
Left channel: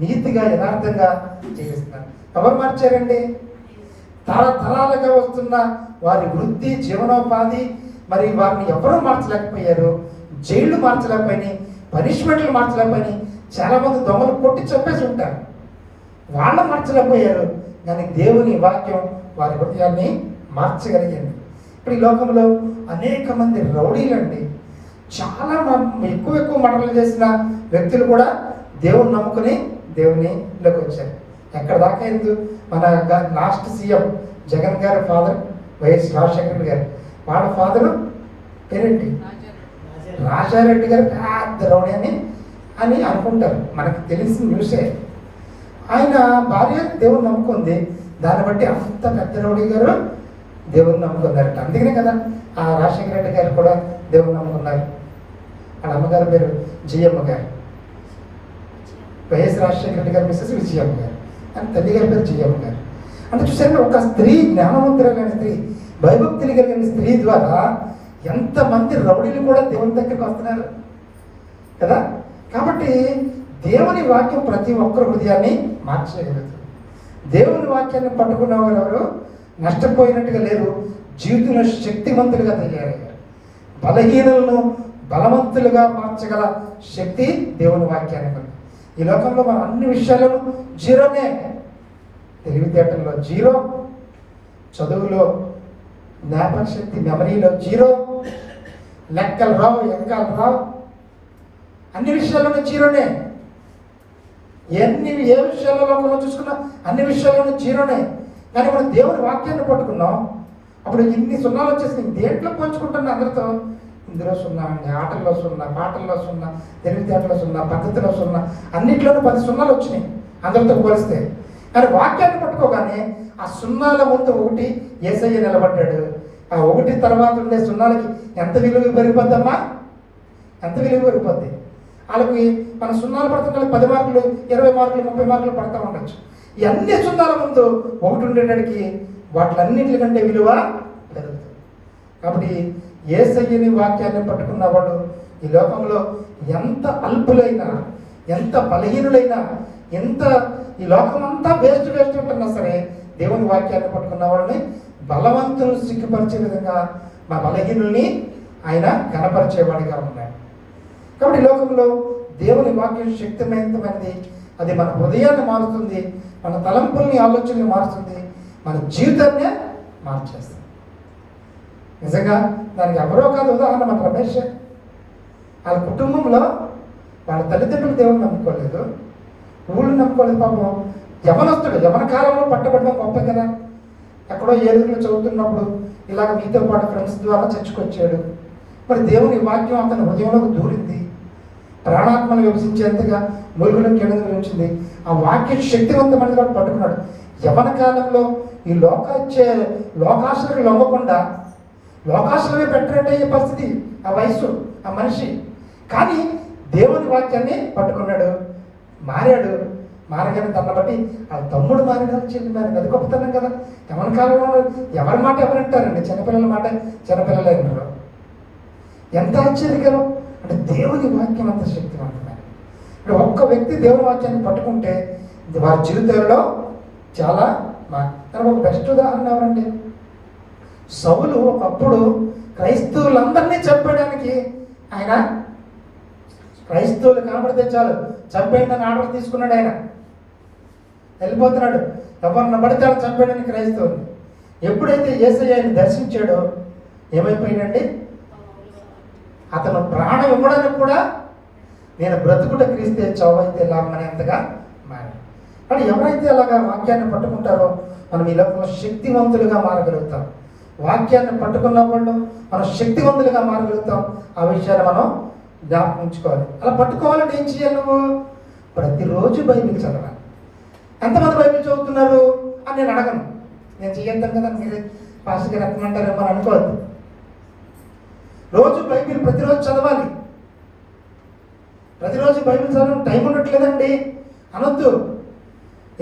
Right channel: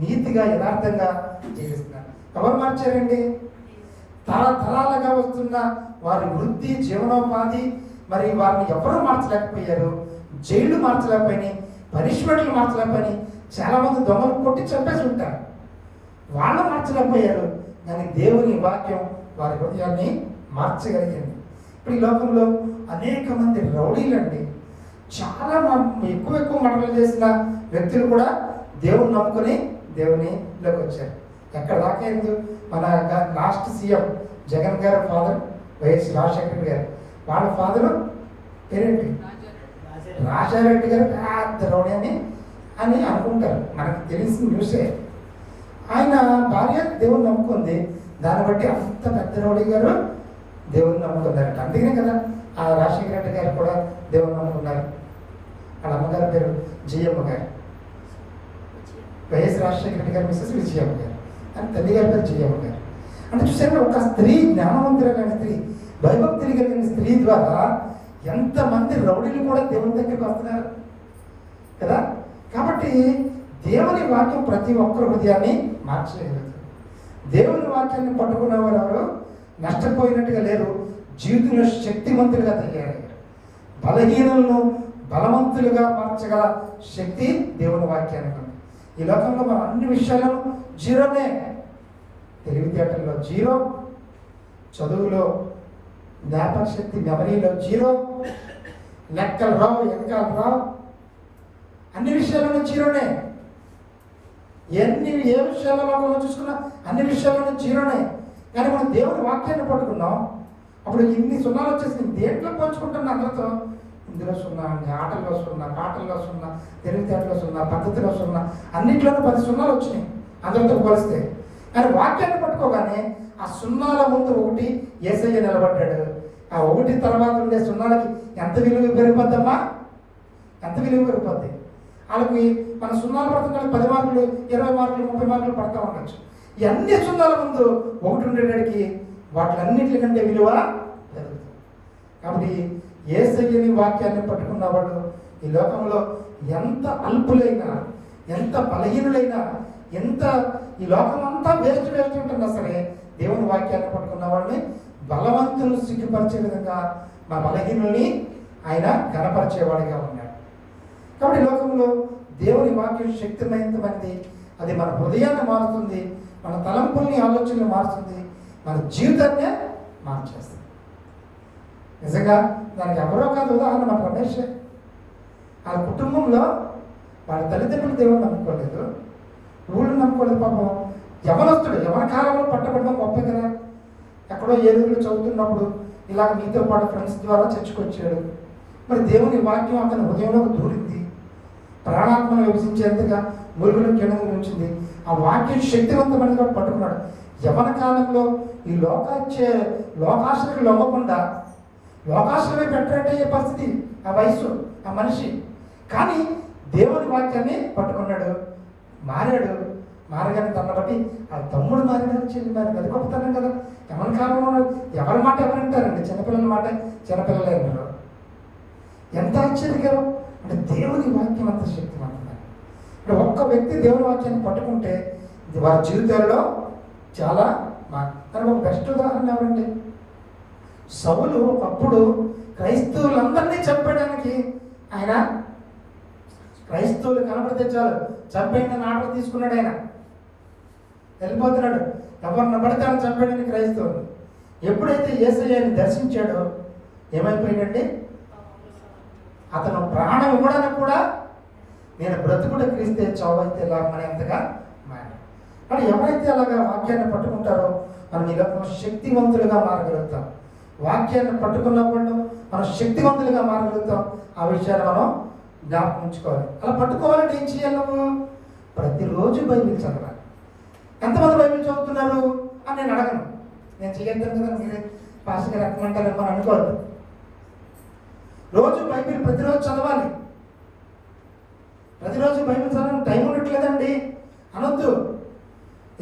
నీతిగా, యథార్థంగా జీవిస్తున్నారు. ఎవరు మార్చారండి? తరతరాలుగా వస్తున్న వారి వృత్తి, జీవనోపాధి, మరి వారిని ఎవరూ మార్చలేకపోయారు. జైళ్లు మార్చలేకపోయినాయి, పనిష్మెంట్లు మార్చలేకపోయినాయి. చాలా మంది దొంగలు కొట్టి చంపేసి ఉంటారు, వాళ్ళు మార్చలేకపోయారు. కానీ దేవుని వాక్యం వారి హృదయాన్ని మార్చగలిగింది. ఇప్పుడు ఈ లోకంలో అనేక మంది రౌడీలండి, చాలా ఎక్కువ మరణాలు చేసిన వ్యక్తులు కూడా దేవుని నమ్ముకుని దేవునిలోకి వచ్చారు. ఎక్కడ దాకా ఎందుకు? మన లాస్ట్ సీఎం జగన్ గారి ఫాదర్ వైఎస్ రాజశేఖర గారు, వాళ్ళ ఫాదరు పేరేంటి? రాజారెడ్డి గారు పెద్ద రౌడీ అని అనుకుంటారు. మనకు తెలిసిన న్యూసే. ఆయన భార్య దేవుని నమ్ముకుంది, దాన్ని బట్టి అంత పెద్ద రౌడీ గారు దేవుని నమ్ముకున్నారట. అందుకనే కదా ఆ రాజశేఖర రెడ్డి గారు కూడా దేవుని నమ్ముకున్నారు. వాళ్ళ అమ్మగారి పేరు జయమ్మ గారు, వైఎస్ రాజశేఖర రెడ్డి గారు మిస్సెస్ విజయమ్మ గారు, అని తల్లి గారి పేరు జయమ్మ గారు. అంటే చూసారు, ఒక స్త్రీ, జ్ఞానవంతులైన స్త్రీ, భయభక్తులు కలిగిన స్త్రీ ద్వారా ఎంతమంది రౌడీలు కూడా దేవుని దగ్గరికి వస్తున్నారు కదా. కాబట్టి దేవుని వాక్యం ప్రతి ఒక్కరి హృదయాన్ని మార్చగలుగుతుంది. దేవుని వాక్యాన్ని పట్టుకున్న వారు ఎవరు నష్టపోయినట్టుగా లేరు, జీవితంలో శక్తిమంతులుగా తయారయ్యారు. బలహీనులను బలవంతులుగా మార్చగల శక్తి దేవుని వాక్యానికి ఉంది. ఈ లోకంలో మనం అన్ని విషయాలను జీరోనే. తెలివితేటల్లో జీరో, చదువులో జ్ఞాపక శక్తి మెమరీలో జీరో, లెక్కలు రావు, ఎంకాలు రావు, అన్ని విషయాల్లోనూ జీరోనే. ఏ విషయాల్లో లోకంలో చూసుకున్నా అన్ని విషయాల్లోనూ జీరోనే. కానీ మనం దేవుని వాక్యాన్ని పట్టుకున్నాం, అప్పుడు ఇన్ని సున్నాలు వచ్చేసి దేంట్లో పంచుకుంటున్నా అందరితో. ఇందులో సున్నా, ఆటల్లో సున్నా, మాటల్లో సున్నా, తెలివితేటలో సున్నా, పద్ధతిలో సున్నా, అన్నింటిలోనూ 10 సున్నాలు వచ్చినాయి అందరితో పోలిస్తే. కానీ వాక్యాన్ని పట్టుకోగానే ఆ సున్నాల ముందు ఒకటి యేసయ్య నిలబడ్డాడు. ఆ ఒకటి తర్వాత ఉండే సున్నాలకి ఎంత విలువ పెరిగిపోద్దమ్మా, ఎంత విలువ పెరిగిపోద్ది. వాళ్ళకి మన సున్నాలు పడుతుంటే 10 మార్కులు, 20 మార్కులు, 30 మార్కులు పడుతూ ఉండొచ్చు. ఈ అన్ని సున్నాల ముందు ఒకటి ఉండేటానికి వాటిలన్నింటికంటే విలువ పెరుగుతుంది. కాబట్టి యేసయ్యని వాక్యాన్ని పట్టుకున్న వాళ్ళు ఈ లోకంలో ఎంత అల్పులైనా, ఎంత బలహీనులైనా, ఎంత ఈ లోకమంతా వేస్ట్ ఉంటున్నా సరే దేవుని వాక్యాన్ని పట్టుకున్న వాళ్ళని బలవంతులను సిగ్గుపరిచే విధంగా మా బలహీనుల్ని ఆయన కనపరిచేవాడిగా ఉన్నాడు. కాబట్టి లోకంలో దేవుని వాక్యం శక్తివంతమైనది. అది మన హృదయాన్ని మారుతుంది, మన తలంపుల్ని, ఆలోచనలు మారుతుంది, మన జీవితాన్నే మార్చేస్తుంది. నిజంగా దానికి ఎవరో కాదు ఉదాహరణ మన రమేష్. వాళ్ళ కుటుంబంలో వాళ్ళ తల్లిదండ్రులు దేవుని నమ్ముకోలేదు, ఊళ్ళు నమ్ముకోలేదు. పాపం యవనస్తుడు, యవన కాలంలో పట్టబడడం గొప్ప కదా. ఎక్కడో ఏడుగులో చదువుతున్నప్పుడు ఇలాగ మీతో పాటు ఫ్రెండ్స్ ద్వారా చర్చకొచ్చాడు. మరి దేవుని వాక్యం అతని హృదయంలోకి దూరింది, ప్రాణాత్మను విభజించేంతగా మురుగులు కింద ఉంచింది. ఆ వాక్యం శక్తివంతమైనది కూడా పట్టుకున్నాడు. యవన కాలంలో ఈ లోకాశలకు లొంగకుండా లోకాశలమే పెట్టేటయ్యే పరిస్థితి ఆ వయస్సు, ఆ మనిషి. కానీ దేవుని వాక్యాన్ని పట్టుకున్నాడు, మారాడు. మారగానే తన బట్టి ఆ తమ్ముడు మారినారు, చెల్లి మారినారు. అది గొప్పతనం కదా. యవన కాలంలో ఎవరి మాట ఎవరంటారండి? చిన్నపిల్లల మాట చిన్నపిల్లలే ఉన్నారు. ఎంత ఆశ్చర్యకరం అంటే దేవుని వాక్యం అంత శక్తివంతమైనది. అంటే ఒక్క వ్యక్తి దేవుని వాక్యాన్ని పట్టుకుంటే వారి జీవితాల్లో చాలా ఒక బెస్ట్ ఉదాహరణ ఏమండి, సౌలు అప్పుడు క్రైస్తవులందరినీ చంపేయడానికి ఆయన, క్రైస్తవులు కనబడితే చాలు చంపేయడానికి ఆర్డర్ తీసుకున్నాడు. ఆయన వెళ్ళిపోతున్నాడు, ఎవరిని పడితే ఆయన చంపేయడానికి క్రైస్తవులు. ఎప్పుడైతే యేసయ్యని దర్శించాడో ఏమైపోయాడండి, అతను ప్రాణం ఇవ్వడానికి కూడా నేను బ్రతుకుట క్రీస్తే చావైతే లాభం అనేంతగా మారాడు. కానీ ఎవరైతే అలాగా వాక్యాన్ని పట్టుకుంటారో మనం ఈ లోకంలో శక్తివంతులుగా మారగలుగుతాం. వాక్యాన్ని పట్టుకున్నప్పుడు మనం శక్తివంతులుగా మారగలుగుతాం. ఆ విషయాన్ని మనం జ్ఞాపకం ఉంచుకోవాలి. అలా పట్టుకోవాలంటే ఏం చేయాలి? నువ్వు ప్రతిరోజు బైబిల్ చదవాలి. ఎంతమంది బైబిల్ చదువుతున్నారు అని నేను అడగను. నేను చేయొద్దాం కదా, మీరే పాస్టర్ గారు రకమంటారేమో అని అనుకోవద్దు. రోజు బైబిల్ ప్రతిరోజు చదవాలి. ప్రతిరోజు బైబిల్ చదవడం టైం ఉండట్లేదండి అనొద్దు.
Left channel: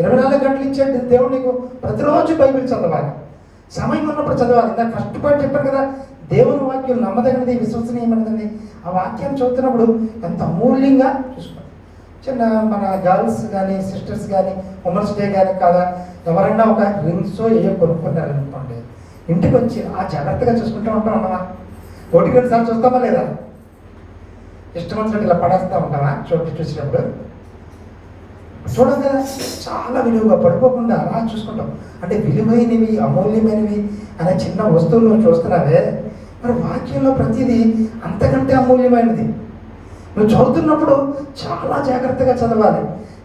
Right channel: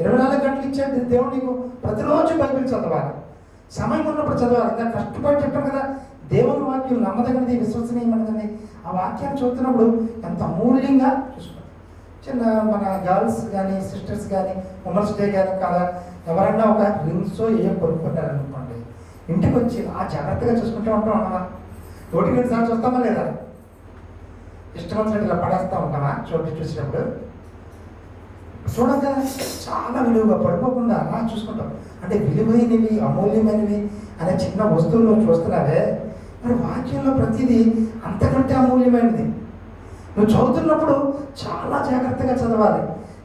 24 గంటలు ఇచ్చాడు దేవుడు నీకు. ప్రతిరోజు బైబిల్ చదవాలి, సమయం ఉన్నప్పుడు చదవాలి. నాకు కష్టపడి చెప్పాను కదా, దేవుని వాక్యం నమ్మదగినది, విశ్వసనీయమైనది. ఆ వాక్యాన్ని చదువుతున్నప్పుడు ఎంత అమూల్యంగా చూసుకోవాలి. చిన్న మన గర్ల్స్ కానీ, సిస్టర్స్ కానీ, ఉమెన్స్ డే కానీ కాదా, ఎవరన్నా ఒక రింగ్స్ ఏయో కొనుక్కుంటారనుకోండి, ఇంటికి వచ్చి ఆ జాగ్రత్తగా చూసుకుంటూ ఉంటామా? 1-2 సార్లు చూస్తామా లేదా? ఇష్టం వచ్చినట్టు ఇలా పడేస్తూ ఉంటామా? చూసినప్పుడు చూడం కదా, చాలా విలువగా పడిపోకుండా అలా చూసుకుంటాం. అంటే విలువైనవి, అమూల్యమైనవి అనే చిన్న వస్తువులు చూస్తున్నావే, మరి వాక్యంలో ప్రతిదీ అంతకంటే అమూల్యమైనది. నువ్వు చదువుతున్నప్పుడు చాలా జాగ్రత్తగా చదవాలి.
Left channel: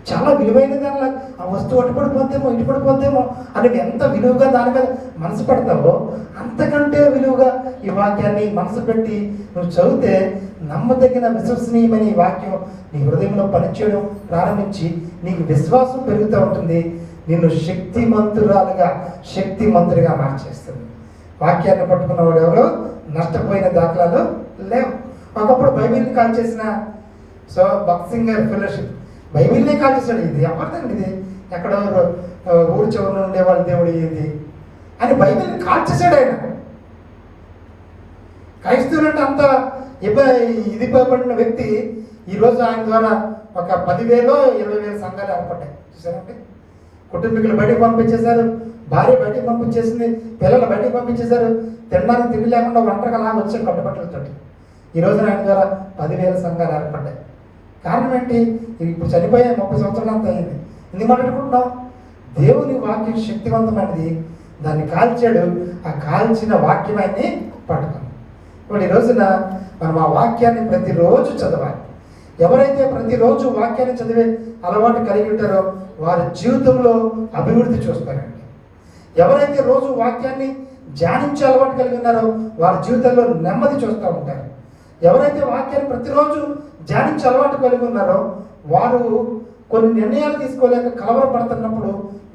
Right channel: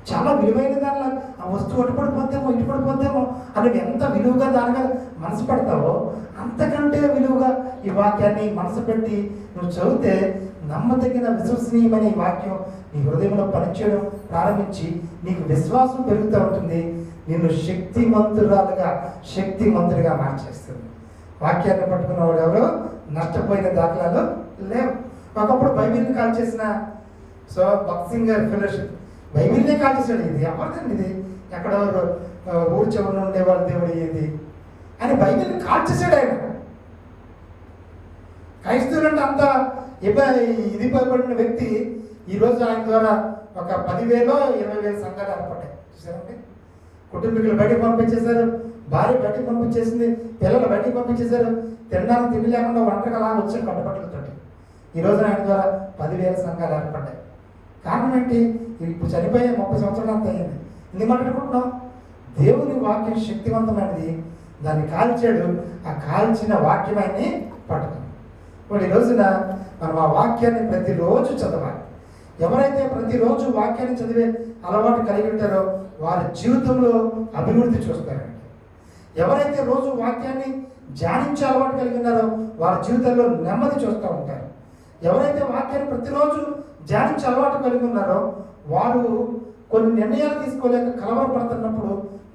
చాలా విలువైన దానిలో ఆ వస్తువు అటు పడిపోద్దేమో, ఇటు పడిపోద్దేమో అని ఎంత విలువగా దాని మీద మనసు పెడతావో అంతకంటే విలువగా ఈ వాక్యాన్ని మనసు పెట్టి నువ్వు చదివితే నమ్మదగిన, విశ్వసనీయమైన ఈ వాక్యం నీ హృదయంలో పనిచేయడం ప్రారంభించి నీకు విశ్వాసం పెరుగుతూ ఉంటుంది. నిన్ను శక్తిమంతుడిగా మార్చేస్తుంది. వాక్యాన్ని పట్టుకున్న వాడు ఎవరు నష్టపోయిన దాఖలాలు లేవు. ఒకప్పుడు బైబిల్ని కాల్ చేసిన భక్త్ సింగర్ ఫెలోషిప్ బైబిల్నే కాల్ చేశాడు. ఇది ఎవరిదండి? ఇది ఎక్కడో ఊరి చివరిలో ఉండే వాళ్ళ దేవుడు ఇది అని బైబిల్ని కాల్ చేశాడు ఆయన. క్రైస్తవులు అంటే అంత ఇది పడిన వ్యక్తి ఈరోజు ఆయన ద్వారా ఒక 10,000 20,000 సంఘాలు ఏర్పడ్డాయి. చూసారంటే కుటుంబీకులు బయటకు పంపించేశారు, భార్య బయటకు పంపించేసింది, పిల్లలు బయటకు పంపించేశారు, తినడానికి తిండి లేకుండా ఒంటరిగా లాగా వచ్చారు కట్టుబట్టలతో. ఈ రోజున ఆయన ద్వారా 10,000 సంఘాలు ఏర్పడ్డాయి. కారణం ఏంటి? ఇప్పుడు చనిపోయే 30 సంవత్సరాలు అంత అయింది. ఎందుకు మాట్లాడుకుంటున్నాం? దేవుని వాక్యం శక్తివంతమైనది, దాన్ని కాల్చాడు. ఆ కాల్చిన వాక్యమాన్ని పట్టుకున్నాం. ఇప్పుడు ఈ రోజున మనం ఆ వాక్యాన్ని ప్రతిరోజు చదవాలి. ఎవరైతే ప్రతిరోజు వాక్యాన్ని చదివే అలవాటు కలిగి ఉంటారో వారి జీవితంలో అభివృద్ధి చూస్తారండి. ఎవరైతే రోజు వాక్యాన్ని ధ్యానించే అలవాటు కలిగి ఉన్నారో వారి జీవితంలో నెమ్మది చూస్తూ ఉంటారు. ఎవరైతే వాక్యాన్ని ప్రతిరోజు ధ్యానించే అలవాటు కలిగి ఉన్నారో వారు కొన్ని నిర్ణయాలు తీసుకోలేక కలవరపడుతున్నప్పుడు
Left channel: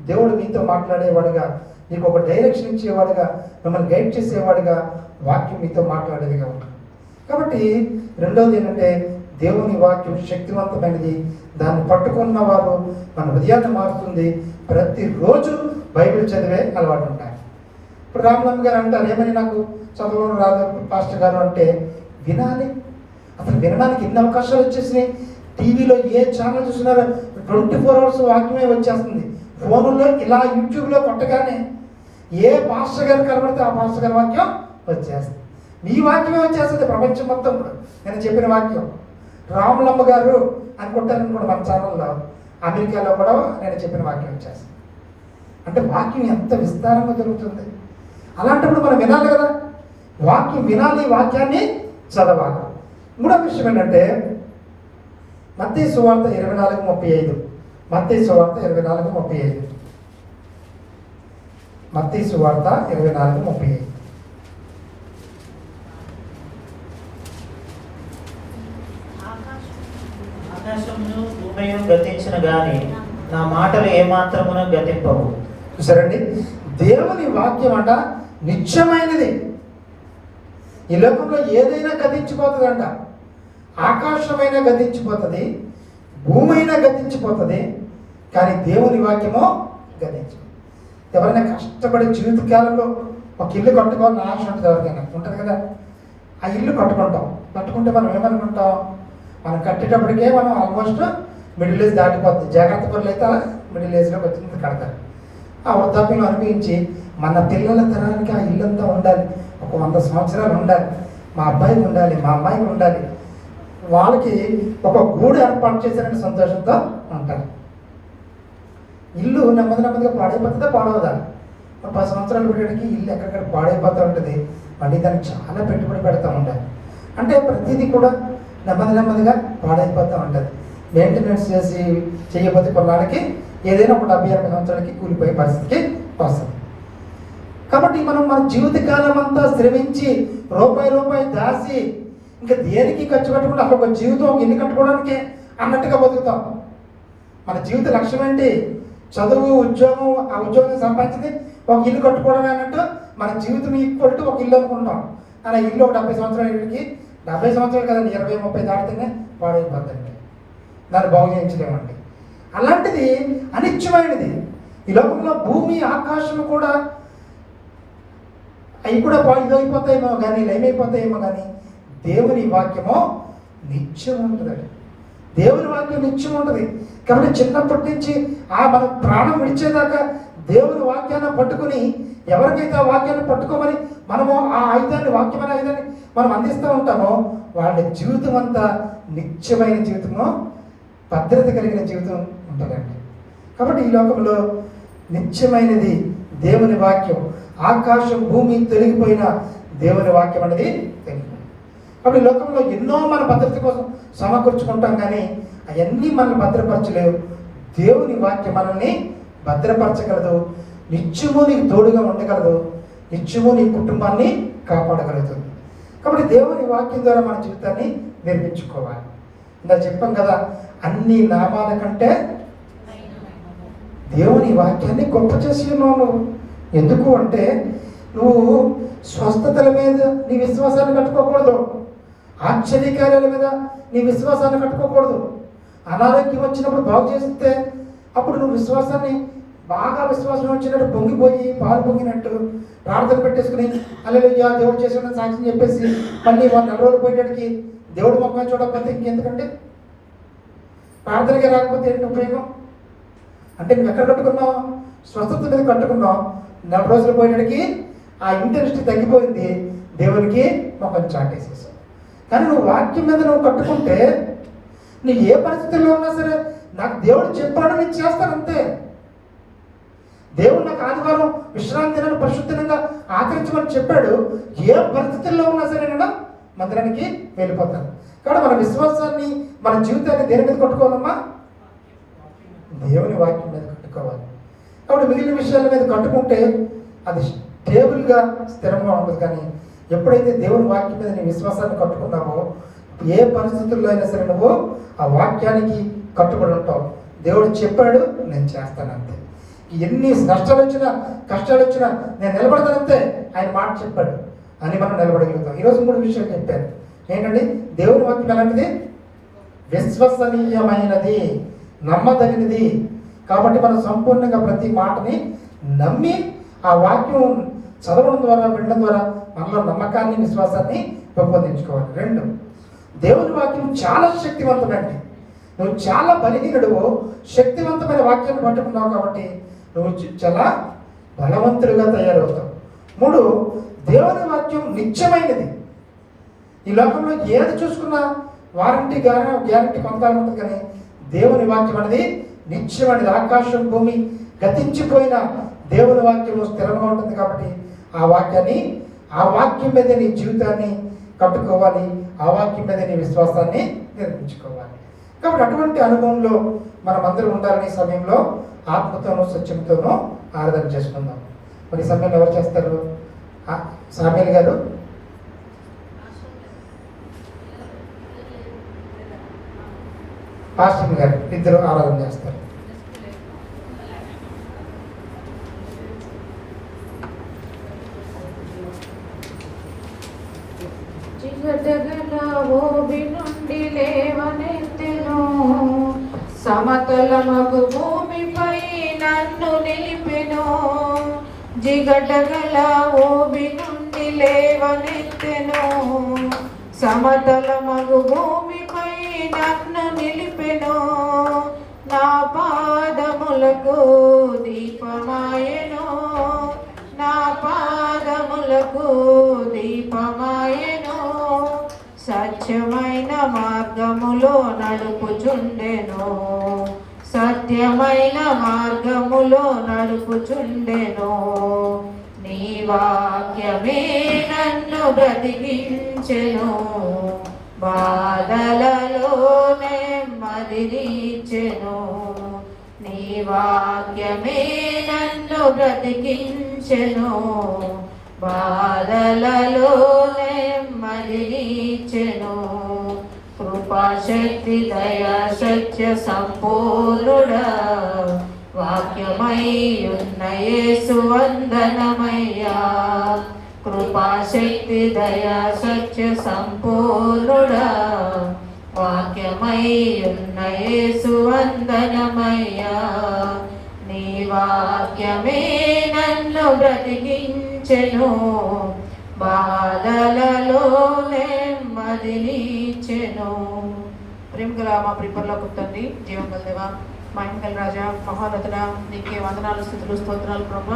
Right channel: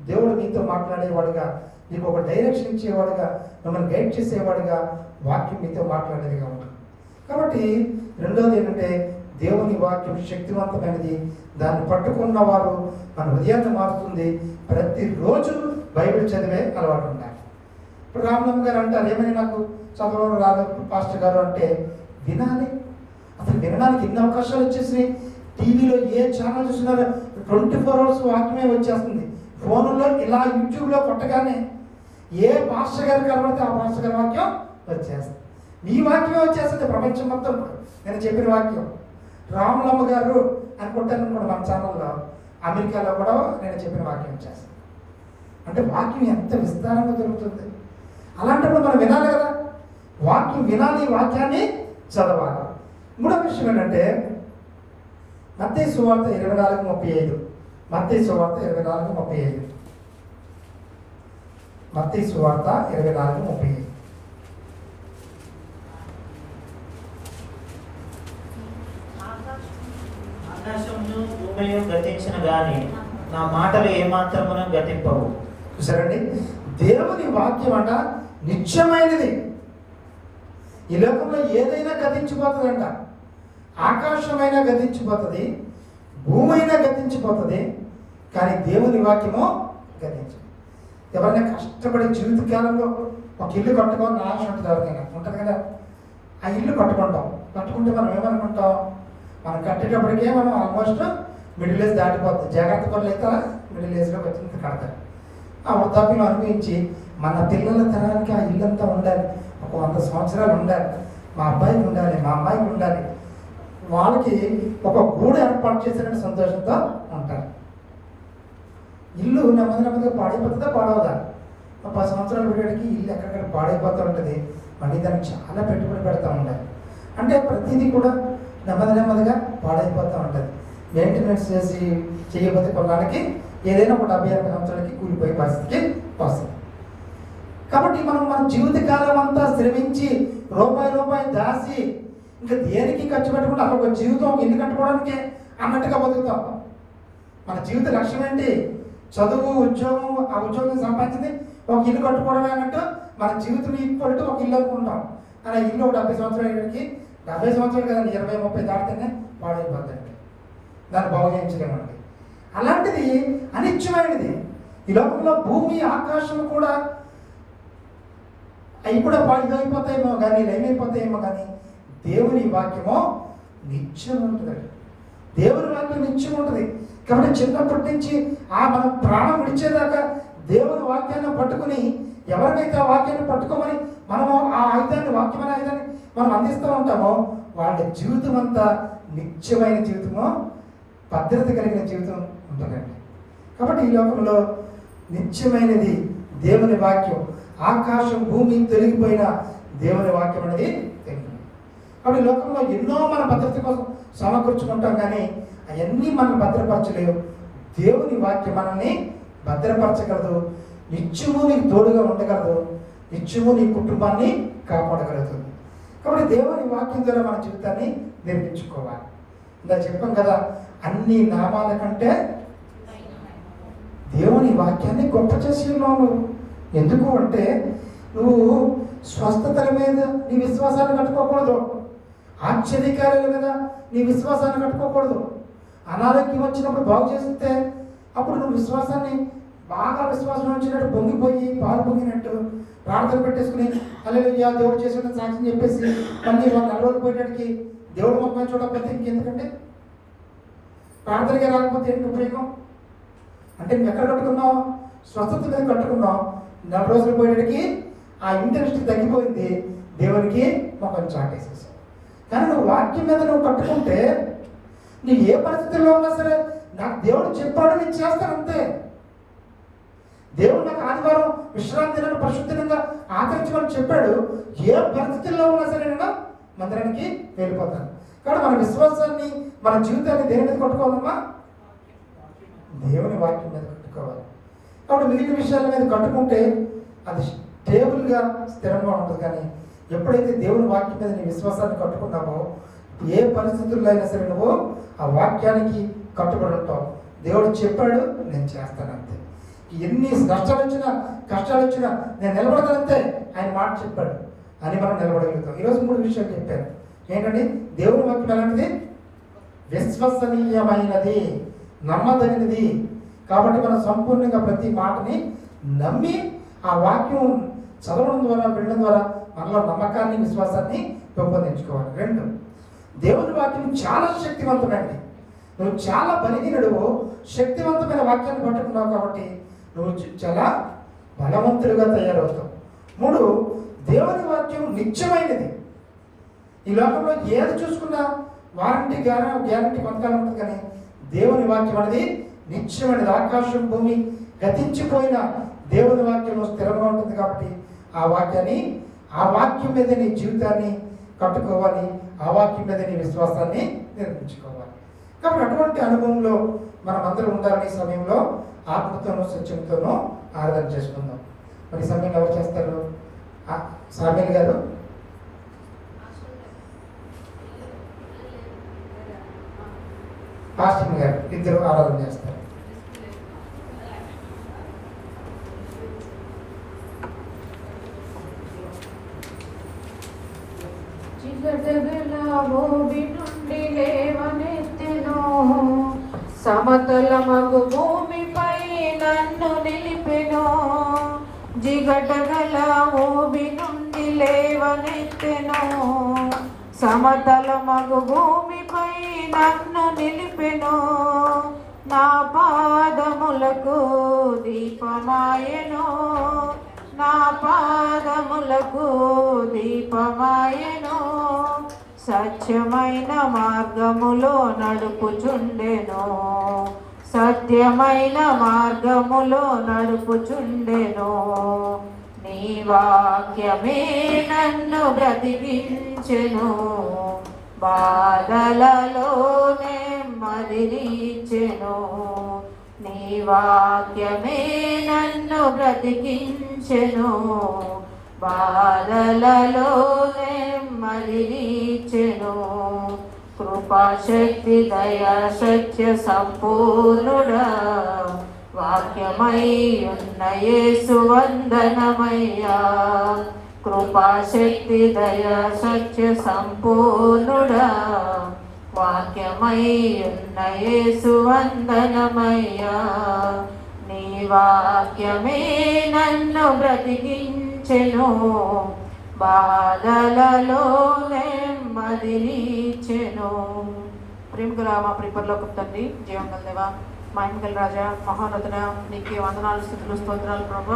దేవుడు మీతో మాట్లాడేవాడుగా, మీకు ఒక డైరెక్షన్ ఇచ్చేవాడుగా, మిమ్మల్ని గైడ్ చేసేవాడుగా వాక్యం మీతో మాట్లాడేదిగా ఉంటుంది. కాబట్టి రెండవది ఏంటంటే దేవుని వాక్యం శక్తివంతమైనది. దాన్ని పట్టుకున్న వారు మన హృదయాన్ని మారుతుంది. ప్రతిరోజు బైబిల్ చదివే అలవాటు ఉంటారు. ఇప్పుడు రామనమ్మ గారు అంటారు, ఏమని నాకు చదవడం రాదు పాస్టర్ గారు అంటే, వినాలి. అసలు వినడానికి ఎన్ని అవకాశాలు వచ్చేసినాయి. టీవీలో ఏ ఛానల్ చూసినారో 24 hours వాక్యమే వచ్చేస్తుంది. ఫోన్లో ఇలా యూట్యూబ్లో కొట్టగానే ఏ పాస్టర్ గారు కనబడితే ఆ పాస్టర్ గారి వాక్యం వచ్చేస్తుంది. మీ వాక్యమే వచ్చేస్తుంది ప్రపంచం మొత్తం. నేను చెప్పిన వాక్యం రాములమ్మ గారు అనుకుంటారనుకోండి, మన ఛానల్లో అమెరికాలో కూడా నేను చెప్పిన వాక్యం వచ్చేస్తుంది. అంటే వాక్యం ఎంత విస్తారంగా దొరుకుతుంది. అలాంటప్పుడు మనం వినాలి కదా, వాక్యం వినాలి, వాక్యాన్ని చదవాలి. మూడో విషయం ఏంటంటే మత్తయి సువార్త 24:35. మత్తయి సువార్త 24:35. మత్తయి సువార్త 24:35. ఆకాశమును భూమియు గతించిన గాని నా మాటలు ఏమాత్రమును గతింపవు. చూసారండి, దేవుని వాక్యం అంట నిత్యమైనది. ఈ లోకంలో ఏదైనా గతించిపోతుందంట. ఆకాశమైనా గతించిపోతుంది, భూమి అయినా గతించిపోతుంది, కానీ దేవుని వాక్యము గతించదు. ఎవరైనా కష్టపడే జీవితకాలంలో ఒక ఇల్లు కట్టుకోవాలని ఆశ ఉంటుంది. ఎవరికైనా ఉంటుంది కదా. ఆ ఇల్లు కట్టుకుంటే మనం ఏమనుకుంటాం, మనం కట్టేటప్పటికే మనం ఆల్మోస్ట్ మిడిల్ ఏజ్ దాటిపోతుంది. జాగ్రత్త పనులు అయితే అలా మిడిల్ ఏజ్లోకి వచ్చింది కడతారు. ఆ వృద్ధాప్యం అనుభవించి మన పిల్లల తరానికి ఆ ఇల్లంతా ఉండాలి, ఒక 100 సంవత్సరాలు ఉండాలి, మా అబ్బాయికి ఉండాలి, మా అమ్మాయికి ఉండాలి, వాళ్ళకి ఒక గూడు ఏర్పాటు చేశారని సంతోషంతో ఉంటారు. ఇల్లు నెమ్మదిగా పాడైపోతుందా పాడవదా? 10 సంవత్సరాలు పెట్టడానికి ఇల్లు ఎక్కడికక్కడ పాడైపోతూ ఉంటుంది. మళ్ళీ దానికి చాలా పెట్టుబడి పెడతా ఉండాలి. అంటే ప్రతిదీ కూడా నెమ్మదిగా పాడైపోతూ ఉంటుంది. మెయింటెనెన్స్ చేయకపోతే కొన్నాళ్ళకి ఏదైనా ఒక 70-80 సంవత్సరాలకి కూలిపోయే పరిస్థితికి వస్తుంది. కాబట్టి మనం మన జీవితకాలం అంతా శ్రమించి రూపాయి దాసి ఇంకా దేనికి ఖర్చు పెట్టకుండా అక్కడ ఒక జీవితం ఇల్లు కట్టుకోవడానికి అన్నట్టుగా బతుకుతాం. మన జీవిత లక్ష్యం ఏంటి? చదువు, ఉద్యోగం, ఆ ఉద్యోగం సంపాదించింది ఒక ఇల్లు కట్టుకోవడమే అన్నట్టు మన జీవితం ఈక్వల్ టు ఒక ఇల్లు అనుకుంటాం. అలా ఇల్లు ఒక 70 సంవత్సరాలు ఇళ్ళకి 70 సంవత్సరాలు కదండి, 20-30 దాటితేనే పాడైపోద్దండి. దాన్ని బాగు చేయించలేమండి. అలాంటిది అనిత్యమైనది. ఈ లోకంలో భూమి, ఆకాశం కూడా అవి కూడా ఇదైపోతాయేమో కానీ, లయమైపోతాయేమో కానీ దేవుని వాక్యమో నిత్యం ఉంటుందండి. దేవుని వాక్యం నిత్యం ఉంటుంది. కాబట్టి చిన్నప్పటి నుంచి మన ప్రాణం విడిచేదాకా దేవుని వాక్యాన్ని పట్టుకుని ఎవరికైతే ఆ వాక్యాన్ని పట్టుకోమని మనము ఆ ఆయుధాన్ని, వాక్యమైన ఆయుధాన్ని మనం అందిస్తూ ఉంటామో వాళ్ళ జీవితం అంతా నిత్యమైన జీవితమో, భద్రత కలిగిన జీవితం ఉంటుందండి. కాబట్టి ఈ లోకంలో నిత్యమైనది దేవుని వాక్యం. ఆకాశం, భూమి తొలగిపోయిన దేవుని వాక్యం అనేది తెలియదు. కాబట్టి లోకంలో ఎన్నో మన భద్రత కోసం సమకూర్చుకుంటాం, కానీ అవన్నీ మనల్ని భద్రపరచలేవు. దేవుని వాక్యం మనల్ని భద్రపరచగలదు. నిత్యము నీకు తోడుగా ఉండగలదు. నిత్యము నీ కుటుంబాన్ని కాపాడగలదు. కాబట్టి దేవుని వాక్యం ద్వారా మన జీవితాన్ని నిర్మించుకోవాలి. ఇలా చెప్పాం కదా, అన్ని నామాల కంటే దేవుని వాక్యాన్ని గొప్ప చేసి ఉన్నావు. ఎందుకు అంటే నువ్వు స్వస్థతల మీద నీ విశ్వాసాన్ని కట్టుకోకూడదు, ఆశ్చర్యకార్యాల మీద నీ విశ్వాసాన్ని కట్టుకోకూడదు. అనారోగ్యం వచ్చినప్పుడు బాగు చేస్తే అప్పుడు నువ్వు విశ్వాసాన్ని బాగా విశ్వాసం వచ్చినట్టు పొంగిపోయి పాలు పొంగినట్టు ప్రార్థన పెట్టేసుకుని హల్లెలూయా దేవుడు చేసిన సాక్ష్యం చెప్పేసి మళ్ళీ 4 రోజులు పోయేటానికి దేవుడు మొక్కని చూడకపోతే ఇంకెందుకంటే ప్రార్థనకి రాకపోతే ఏంటి ఉపయోగం? అంటే నువ్వు ఎక్కడ కట్టుకున్నావు? స్వస్థత మీద కట్టుకున్నావు. 4 రోజులు పోయేటికి ఆ ఇంటరెస్ట్ తగ్గిపోయింది, దేవునికి ముఖం చాటేసేసావు. కానీ నువ్వు వాక్యం మీద నువ్వు కట్టుకుంటే నువ్వు ఏ పరిస్థితుల్లో ఉన్నా సరే, నాకు దేవుడు చెప్పాడు, నేను చేస్తాను అంతే. దేవుడు నాకు ఆదివారం విశ్రాంతి దినాన్ని పరిశుద్ధంగా ఆచరించమని చెప్పాడు. ఏ పరిస్థితుల్లో ఉన్నా సరే నేను మందిరానికి వెళ్ళిపోతాను. కాబట్టి మన విశ్వాసాన్ని, మన జీవితాన్ని దేని మీద కట్టుకోవాలమ్మా? దేవుని వాక్యం మీద కట్టుకోవాలి. కాబట్టి మిగిలిన విషయాల మీద కట్టుకుంటే అది స్టేబుల్గా, స్థిరంగా ఉంటుంది. కానీ ఎప్పుడైతే దేవుని వాక్యం మీద నీ విశ్వాసాన్ని కట్టుకున్నామో, ఏ పరిస్థితుల్లో అయినా సరే నువ్వు ఆ వాక్యానికి కట్టుబడి ఉంటావు. దేవుడు చెప్పాడు, నేను చేస్తాను అంతే. ఎన్ని కష్టాలు వచ్చినా నేను నిలబడతానంతే. ఆయన మాట చెప్పాడు అని మనం నిలబడగలుగుతాం. ఈరోజు 3 విషయాలు చెప్పాను. ఏంటండి? దేవుని వాక్యం ఎలాంటిది? విశ్వసనీయమైనది, నమ్మదగినది. కాబట్టి మనం సంపూర్ణంగా ప్రతి మాటని నమ్మి ఆ వాక్యం చదవడం ద్వారా, వినడం ద్వారా మనలో నమ్మకాన్ని, విశ్వాసాన్ని పెంపొందించుకోవాలి. 2, దేవుని వాక్యం చాలా శక్తివంతమండి. నువ్వు చాలా బలహీనుడువు, శక్తివంతమైన వాక్యాన్ని పట్టుకున్నావు కాబట్టి నువ్వు చాలా బలవంతుడిగా తయారవుతావు. 3, దేవుని వాక్యం నిత్యమైనది. ఈ లోకంలో ఏది చూసుకున్నా వారంటీ గ్యారంటీ కొంతకాలం ఉంటుంది, కానీ దేవుని వాక్యం అనేది నిత్యమైనది. ఆకాశం భూమి గతించిపోయిన దేవుని వాక్యంలో స్థిరంగా ఉంటుంది. కాబట్టి ఆ వాక్యం మీద నీ జీవితాన్ని కట్టుకోవాలి, ఆ వాక్యం మీద నీ విశ్వాసాన్ని నిర్మించుకోవాలి. కాబట్టి అటువంటి అనుభవంలో మనం అందరూ ఉండాలని సమయంలో ఆత్మతోనూ సత్యంతోనూ ఆరాధన చేసుకుందాం. మరి ఈ సమయంలో ఎవరు చేస్తారు? సామ్యూల్ గారు, ఆశ్రమ్ గారు ఇద్దరు ఆరాధన చేస్తారు. భూమి నుండి లేవనెత్తెను, సమతలమగు భూమిపై నన్ను నిలిపెను. జిగటగల భూమి నుండి లేవనెత్తెను, సమతలమగు భూమిపై నన్ను నిలిపెను. నా పాదములకు దీపమాయెను, నా పాదములకు దీపమాయెను. సత్యమైన మార్గములో నడుపుచుండెను, సత్యమైన మార్గములో నడుపుచుండెను. నీ వాక్యమే నన్ను బ్రతికించెను, బాధలలో నెమ్మదినిచ్చెను. నీ వాక్యమే నన్ను బ్రతికించెను, బాధలలో నెమ్మదినిచ్చెను. కృపాశక్తి దయా సత్య సంపూర్ణుడా, వాక్యమై ఉన్న యేసు వందనమయ్యా. కృపాశక్తి దయా సత్య సంపూర్ణుడా, వాక్యమై ఉన్న యేసు వందనమయ్యా. నీ వాక్యమే నన్ను బ్రతికించెను, బాధలలో నెమ్మదినిచ్చెను. ప్రేమగల మా ప్రిపర్లోకి తండ్రి, జీవం గల దేవా, మహిమ గల రాజా, మహోన్నతుడా, నీకే వందనాలు, స్తుతులు, స్తోత్రాలు ప్రభు.